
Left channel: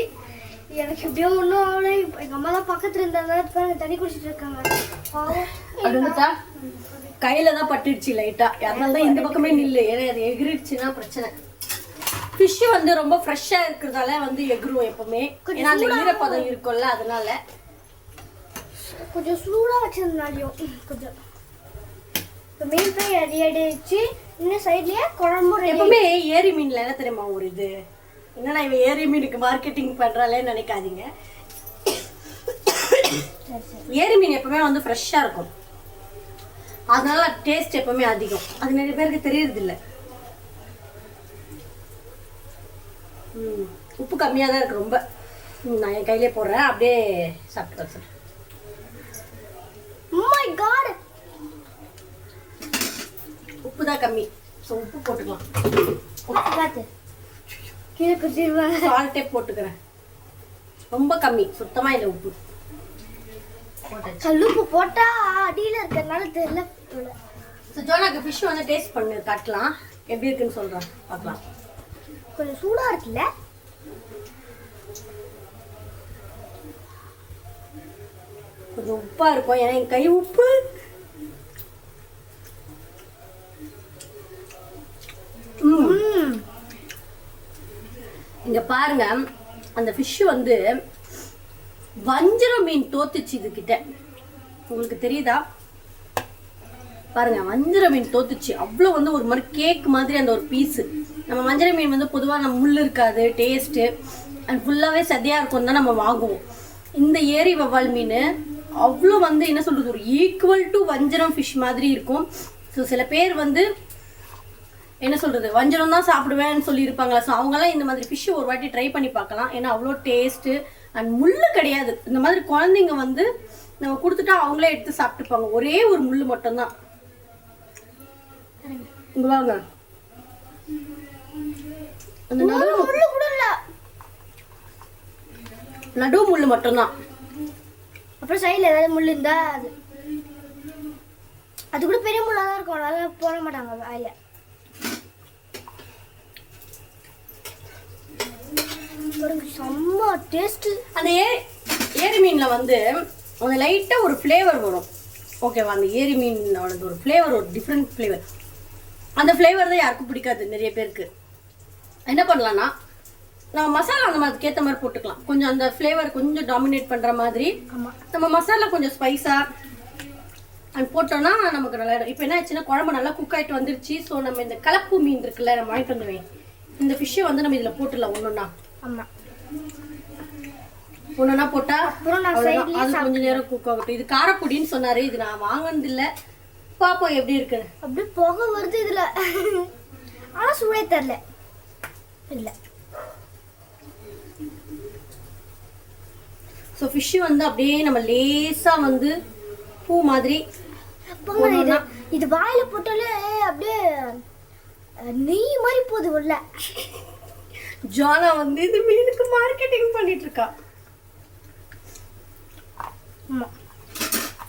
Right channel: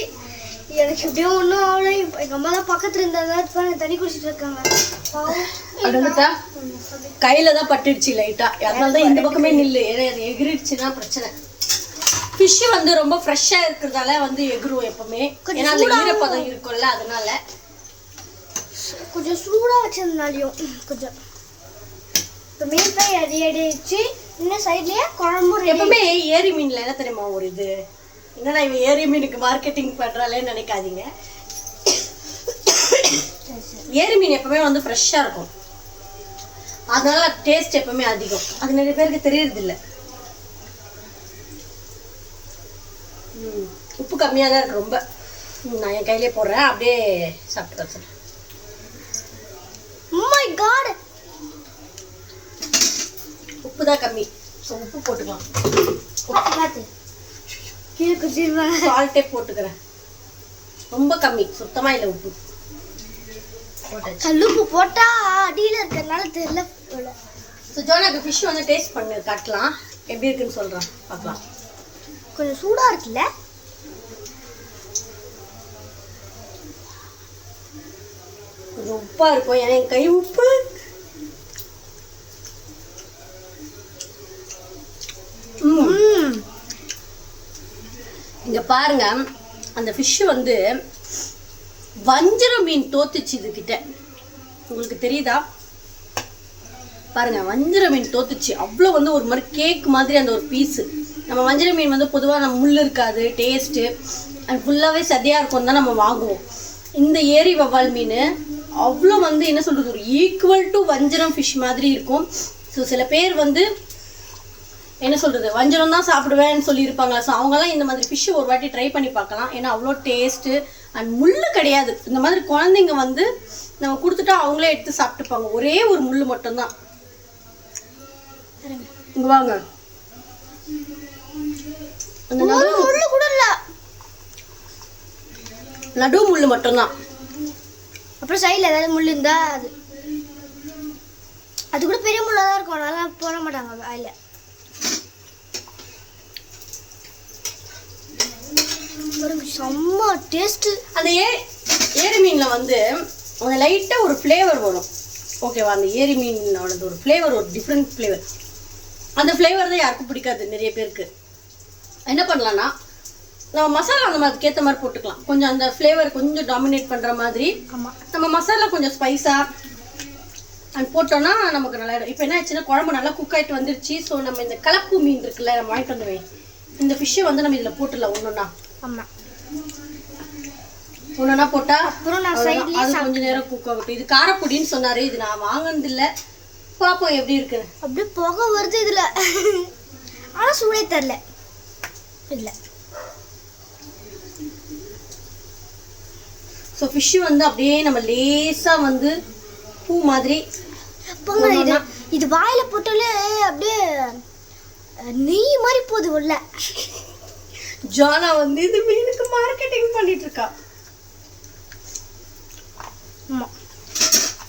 எனக்கு எப்படியோ ஒன்றும் அவ்வளோ. எங்கள் அம்மா தான் பக்கத்தில் இருந்தாங்க, தண்ணி குடிச்சிட்டு இருக்காங்க. அதுட்டா கையில் தான் பட்டுடுச்சு லைட்டாக, அதனால தான் இந்த பக்கமே நில்லு, ஏன்னா அது எகிரிடுச்சுன்னா பிரச்சனை. ஃபிஷ்ஷு வந்து ரொம்ப ஃப்ரெஷ்ஷாக இருக்கிறதால வந்து எகிரும் எப்பவுமே, ஏன்னா அந்த ஈரப்பதம் இருக்கும்ல, அதனால கொஞ்சம் சூடாக வச்சதுனாலையும் கொஞ்சம் இப்போ மீன் ஃப்ரை ரெடி ஆகிடுச்சு. இன்னும் சைட்லேயே குழம்பு. எப்பவுமே ஏரி மீனில் என்ன தெரியுமா ஒரு இது என்னடா இவன் ஏரி மீனுக்கு மார்க்கெட்டிங் பண்ணுறாளேன்னு நினைக்காதீங்க. ஏரி மீன் எப்பவுமே வந்து ஃப்ரெஷ்ஷாக இருக்கும், அதனால டேஸ்ட் எப்பவுமே அதிகம். அது நிறைய பேருக்கு தெரியறதில்ல. உப்பு கம்மியாக தான் இருக்கு ரொம்ப. நான் என் கையிலே போடுறேன், அப்படியே சாப்பிட்டு வச்சுருக்கேன். உப்பு தான் கம்மி, ஸோ உப்பு போட்டுக்கலாம். சால்ட்டே போட்டுக்கிறேன், ரொம்ப கம்மி, சுத்தமாக இல்லை உப்பு. கல்லுப்பு போட்டா அடியில் இருக்கிறதுனால தெரியல. ஸோ ஜோனாக்கு ஃபிஷ் வந்து டேஸ்ட் பண்ணு காட்டலாம், எப்படி இருக்குன்னு சொல்கிறேன், பார்க்கலாம். கொஞ்சம் சூடாக இருக்குல்ல? கொஞ்சம் உப்பாக இருக்கும், ஏன்னா என் கை உப்பு. இங்க பாருங்க, அந்த ஃபிஷ் வந்து வஞ்சர மீன் தோத்துச்சு இதுகிட்ட. உங்களுக்கு தெரியுதா? பாருங்க, வஞ்சர மீன் தோத்துச்சு. அவ்வளோ வந்து ஒரு மாதிரி கேக் மாதிரி அந்த ஒரு பீஸு. நம்ம வஞ்சர மீன் வந்து பொதுவாக நம்ம முள் இருக்காது, டேஸ்ட்டு அண்ட் ஃபுல்லாகவே சதையாக இருக்கும் தான் நம்ம வாங்குவோம். இந்த ஏரி வவ்வால் மீன் அவ்வளோ வந்து என்ன சொல்கிறது, ஒரு ஈக்குவல் டு வஞ்சரம் ஃபிஷ் மாதிரி இருக்கும். ஸோ சில பேர் வந்து என்ன சொல்கிறது, வஞ்சரம் தான் சாப்பிடுவேன்னு சொல்லியிருப்பாங்களா. ஸோ அவங்கெல்லாம் இந்த மாதிரி ஃபிஷ்ஷு ஒரு வாட்டி ட்ரை பண்ணி பார்க்கலாம். ஏன்னா அவ்வளோ டேஸ்ட்டு அண்ட் முள் கிடையாது. இந்த மாதிரி குழந்தைங்க வந்து நம்ம கொடுத்துட்டா அவங்களே எடுத்து சாப்பிட்டுப்பாங்க. ஒரே ஒரு முள் மட்டும்தான். இங்கே வாங்க, அந்த நடு முள் மட்டும்தான். அப்புறம் சைடில் ஏதாவது முள் இருந்தா அது கூட பெரிய முள்ளாக தான் இருக்கும், அதெல்லாம் போட மாட்டாங்க வாயில. செம்ம டேஸ்ட்டு. அந்த ஏரி மீனில் வந்து அந்த லைட்டாக ஒரு ஃப்ளேவர் வரும், ஓகேவா? அந்த ஏரி மீனோடது ஒரு ஃப்ளேவர், ஒரு டிஃப்ரெண்ட் ஃப்ளேவர். அந்த ஃப்ளேவர் தான் யாருக்கும் பிடிக்காது நிறைய பேருக்கு. என்ன பண்ணலான்னா, நம்ம மசாலா அந்த மாதிரி ஏற்ற மாதிரி போட்டுக்கலாம். கொஞ்சம் அந்த ஃப்ளேவர் கொஞ்சம் டாமினேட் பண்ணுற மாதிரி. நம்ம மசாலா கொஞ்சம் ஸ்பைஸாக அது போட்டோன்னா நமக்கு நல்லா இருக்கும். இப்போ என்ன ஆச்சுன்னா, குழம்பு நல்லா குக் ஆகிட்டு வந்துருச்சு. ஸோ நம்ம இந்த கலப்பு மீன் இருக்குல்ல, நம்ம வாங்கிட்டு வந்துடுவேன், இந்த ஃபிஷ்ஷை வந்து நம்ம இதில் போட்டுடலாம் ஒன்றுன்னா. ஆமாம், ஒன்றுனா போட்டால் அப்புறம் நான் அது கொஞ்சம் நேரம் குக் ஆகட்டும். இது காரப்பொடின்னு சொன்னார், இது நான் வாங்கினதில்லை, பார்ப்போம் எப்படி இருக்குன்னு. அப்படியே புகை வருது இதில், ஆனால் சூடே தரல. இல்லை, ஸோ ஃபிஷ்ஷு வந்து அப்படியே நம்ம லேசாக வந்து பூ மாதிரி இது வாயில போட்டாலே அப்படியே நெய் மாதிரி போகுது உள்ள. ஜானா வந்து இது மீனுக்கு மார்க்கெட்டிங் பண்ணிட்டு இருக்கா.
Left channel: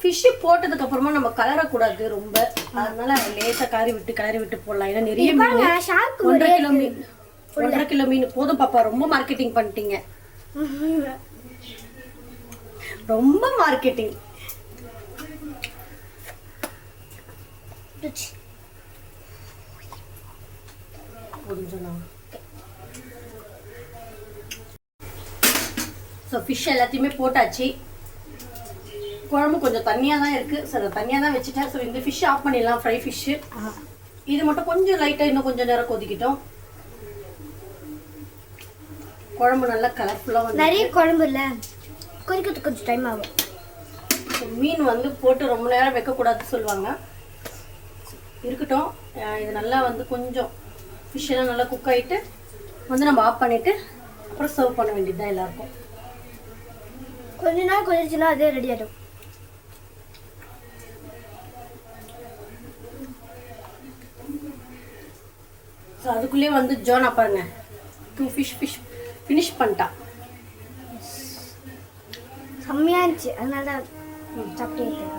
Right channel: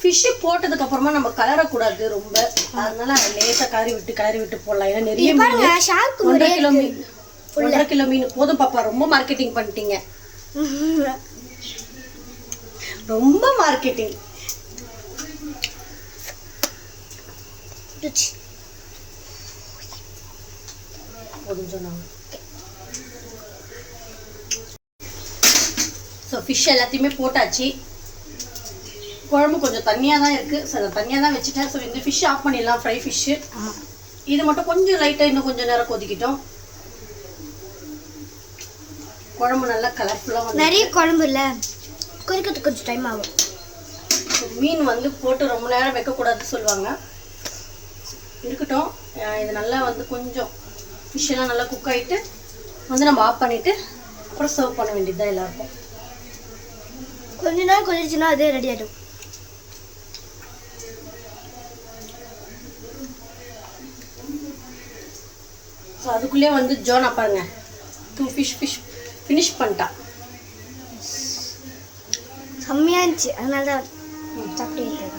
ஃபிஷ்ஷு போட்டதுக்கு அப்புறமா நம்ம கலரக்கூடாது ரொம்ப, அதனால லேசாக கிளறி விட்டு போடலாம். ஏன்னா நிறைய மீன் 1.5 கிலோ மீன், 1.5 கிலோ மீன் போதும் பாப்பா. ரொம்ப மார்க்கெட்டிங் பண்ணிட்டீங்க, ரொம்ப மார்க்கெட்டிங். போதும் சொன்னாங்க. ஸோ ஃபிஷ் எல்லாத்தையுமே போட்டாச்சு. குழம்பு கொஞ்சம் தண்ணியாக தான் இருக்குது. ஸோ நான் தண்ணியாக தான் வச்சுட்டேன். ஸோ இந்த ஃபிஷ் ஆஃப் பண்ணிடலாம், ஃப்ரை ஃபிஷ்ஷு. இது மட்டும் கொஞ்சம் லைட்டாக இன்னும் கொஞ்சம் நேரம் கொதிக்கிட்டோம். குழம்பு நல்லா கலர்ஃபுல்லாக வந்து நிறைய குழம்பு இல்லை, கொதிக்கிறதுக்கு கொஞ்சம் டைம் ஆகும். மீன் வந்து போட்டு ரொம்ப நேரம் வைக்கக்கூடாதுன்னு சொல்லுவாங்க. இருக்கட்டும், இது நல்லா வந்து கொஞ்சம் ஃபிஷ் எல்லாம் நல்லா குக் ஆகிட்டு வந்து நம்ம ஆஃப் பண்ணிவிட்டு அப்புறம் சர்வ் பண்ண வேண்டியது தான் எல்லாருக்கும். கொஞ்ச நேரம் கொதிச்சுன்னா அதே ரெடி ஆகிடும். ஸோ அதுக்குள்ளே வந்து ஜோனா பாருங்க 2 ஃபிஷ் ஃபினிஷ் பண்ணிட்டான். செம்மையாக இருந்துச்சு, அதனால தான் சாப்பிட்டு.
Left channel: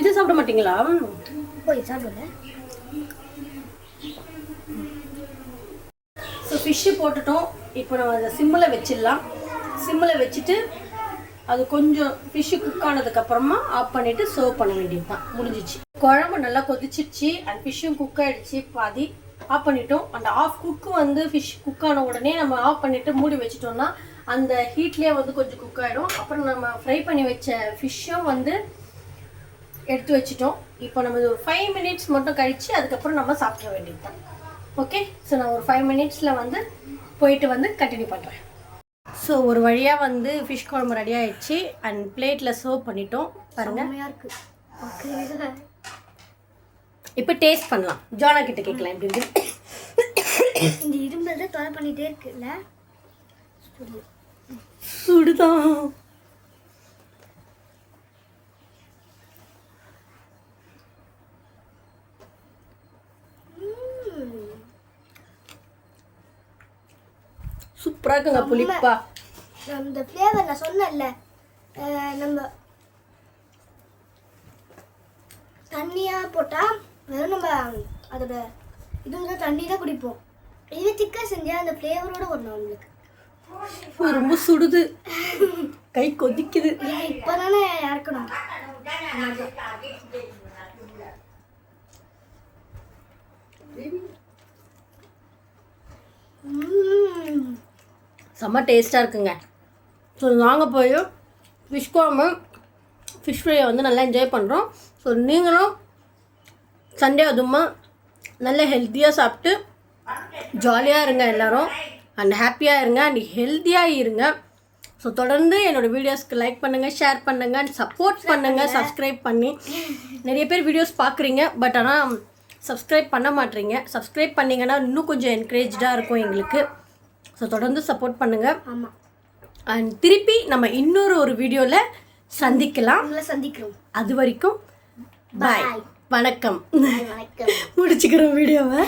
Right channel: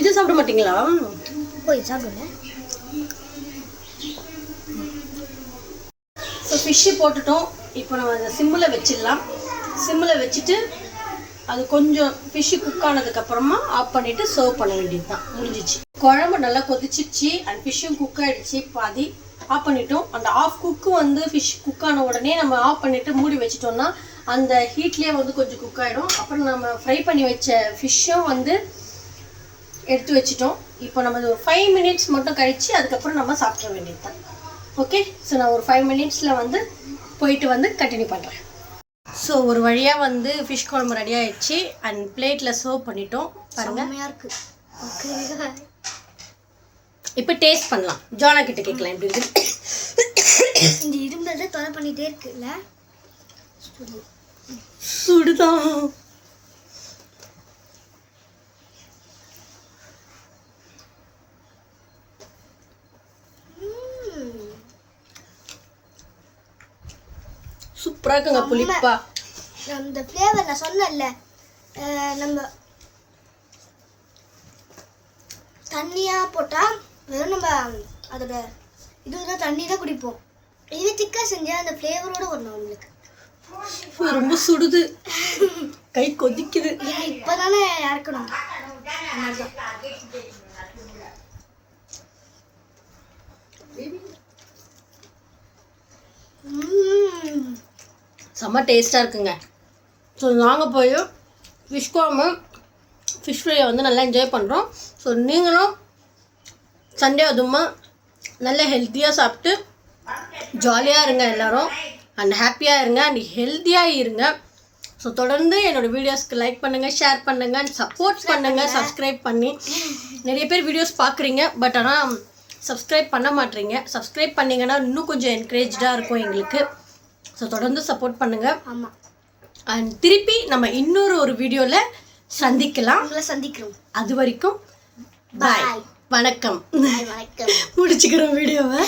இது சாப்பிட மாட்டீங்களா? போய் சாப்பிடுங்க. ஸோ ஃபிஷ்ஷு போட்டுட்டோம். இப்போ நம்ம அதை சிம்மில் வச்சிடலாம். சிம்மில் வச்சுட்டு அது கொஞ்சம் ஃபிஷ்ஷு குக் ஆனதுக்கப்புறமா ஆஃப் பண்ணிவிட்டு சர்வ் பண்ண வேண்டியது தான், முடிஞ்சிச்சு. குழம்பு நல்லா கொதிச்சிடுச்சு அண்ட் ஃபிஷ்ஷும் குக் ஆகிடுச்சு. பாதி ஆஃப் பண்ணிட்டோம். அந்த ஆஃப் குக்கு வந்து ஃபிஷ் குக் ஆன உடனே நம்ம ஆஃப் பண்ணிவிட்டு மூடி வச்சிட்டோம்னா அந்த ஹீட்லேயே வந்து கொஞ்சம் குக் ஆகிடும். அப்புறம் நம்ம ஃப்ரை பண்ணி வச்ச ஃபிஷ்ஷும் வந்து எடுத்து வச்சிட்டோம். இப்போ நம்ம ஒரு 5 மினிட்ஸ் மட்டும் கழித்து அதுக்கப்புறம் நம்ம சாப்பிட வேண்டியது தான். ஓகே, ஸோ நான் ஒரு 5 மினிட்ஸில் வந்து போயிட்டு வந்து கண்டினியூ பண்ணுறேன். ஸோ ஒரு வழியாக வந்து ஃபிஷ் குழம்பு ரெடி ஆயிடுச்சு அண்ட் பிளேட்டில் சர்வ் பண்ணிட்டோம் பாருங்க. செம்மையாக இருக்கு. ஓகே, இப்போ டேஸ்ட் பண்ணலாம். ஜானா கிட்ட கேட்கலாம் எப்படி இருக்கு. இந்த இரும்பு தொலை பண்ணிட்டே இருக்குல்ல. சுடுதான். சூப்பராக இருக்குங்க புளிப்பா. அந்த ஃப்ளேவர் நான் சொன்னேன்ல, நம்ம தண்ணியாக போட்டால் வெறும் நம்ம அதோட இதுதான் தண்ணி தான் குடிப்போம். இது திக்காக செஞ்சால் அந்த ஃப்ளேவரோட வரணும் நம்மளுக்கு. ரொம்ப சுடுது, கை கொதிக்குது. இப்போ தானே இறக்கணும். செம்ம டேஸ்ட்டாக இருக்குங்க. ஸோ நாங்கள் போய் ஃபிஷ் குழம்பு ஃபிஷ் ஃப்ரையை வந்து நல்லா என்ஜாய் பண்ணுறோம். ஸோ நீங்களும் சண்டே அதுமா நல்ல ஹெல்த்தியாக சாப்பிட்டு ஜாலியாக இருங்க எல்லோரும், அண்ட் ஹாப்பியாக இருங்க அண்ட் ஹெல்த்தியாக இருங்க. ஸோ தொடர்ந்து என்னோடய வீடியோஸ்க்கு லைக் பண்ணுங்கள், ஷேர் பண்ணுங்கள் அண்ட் சப்போர்ட் பண்ணுங்கள். சப்ஸ்கிரைப் பண்ணி நிறைய பேர் வீடியோஸ் பார்க்குறீங்க, பட் ஆனால் சப்ஸ்கிரைப் பண்ண மாட்டேறீங்க. சப்ஸ்கிரைப் பண்ணிங்கன்னா இன்னும் கொஞ்சம் என்கரேஜாக இருக்கும் எங்களுக்கு. ஸோ தொடர்ந்து சப்போர்ட் பண்ணுங்கள். ஆமாம், அண்ட் திருப்பி நம்ம இன்னொரு வீடியோவில் சந்திக்கலாம். சந்திக்கிறோம். அது வரைக்கும் பாய், வணக்கம். வணக்கம். முடிச்சுக்கிறோம் வீடியோவை.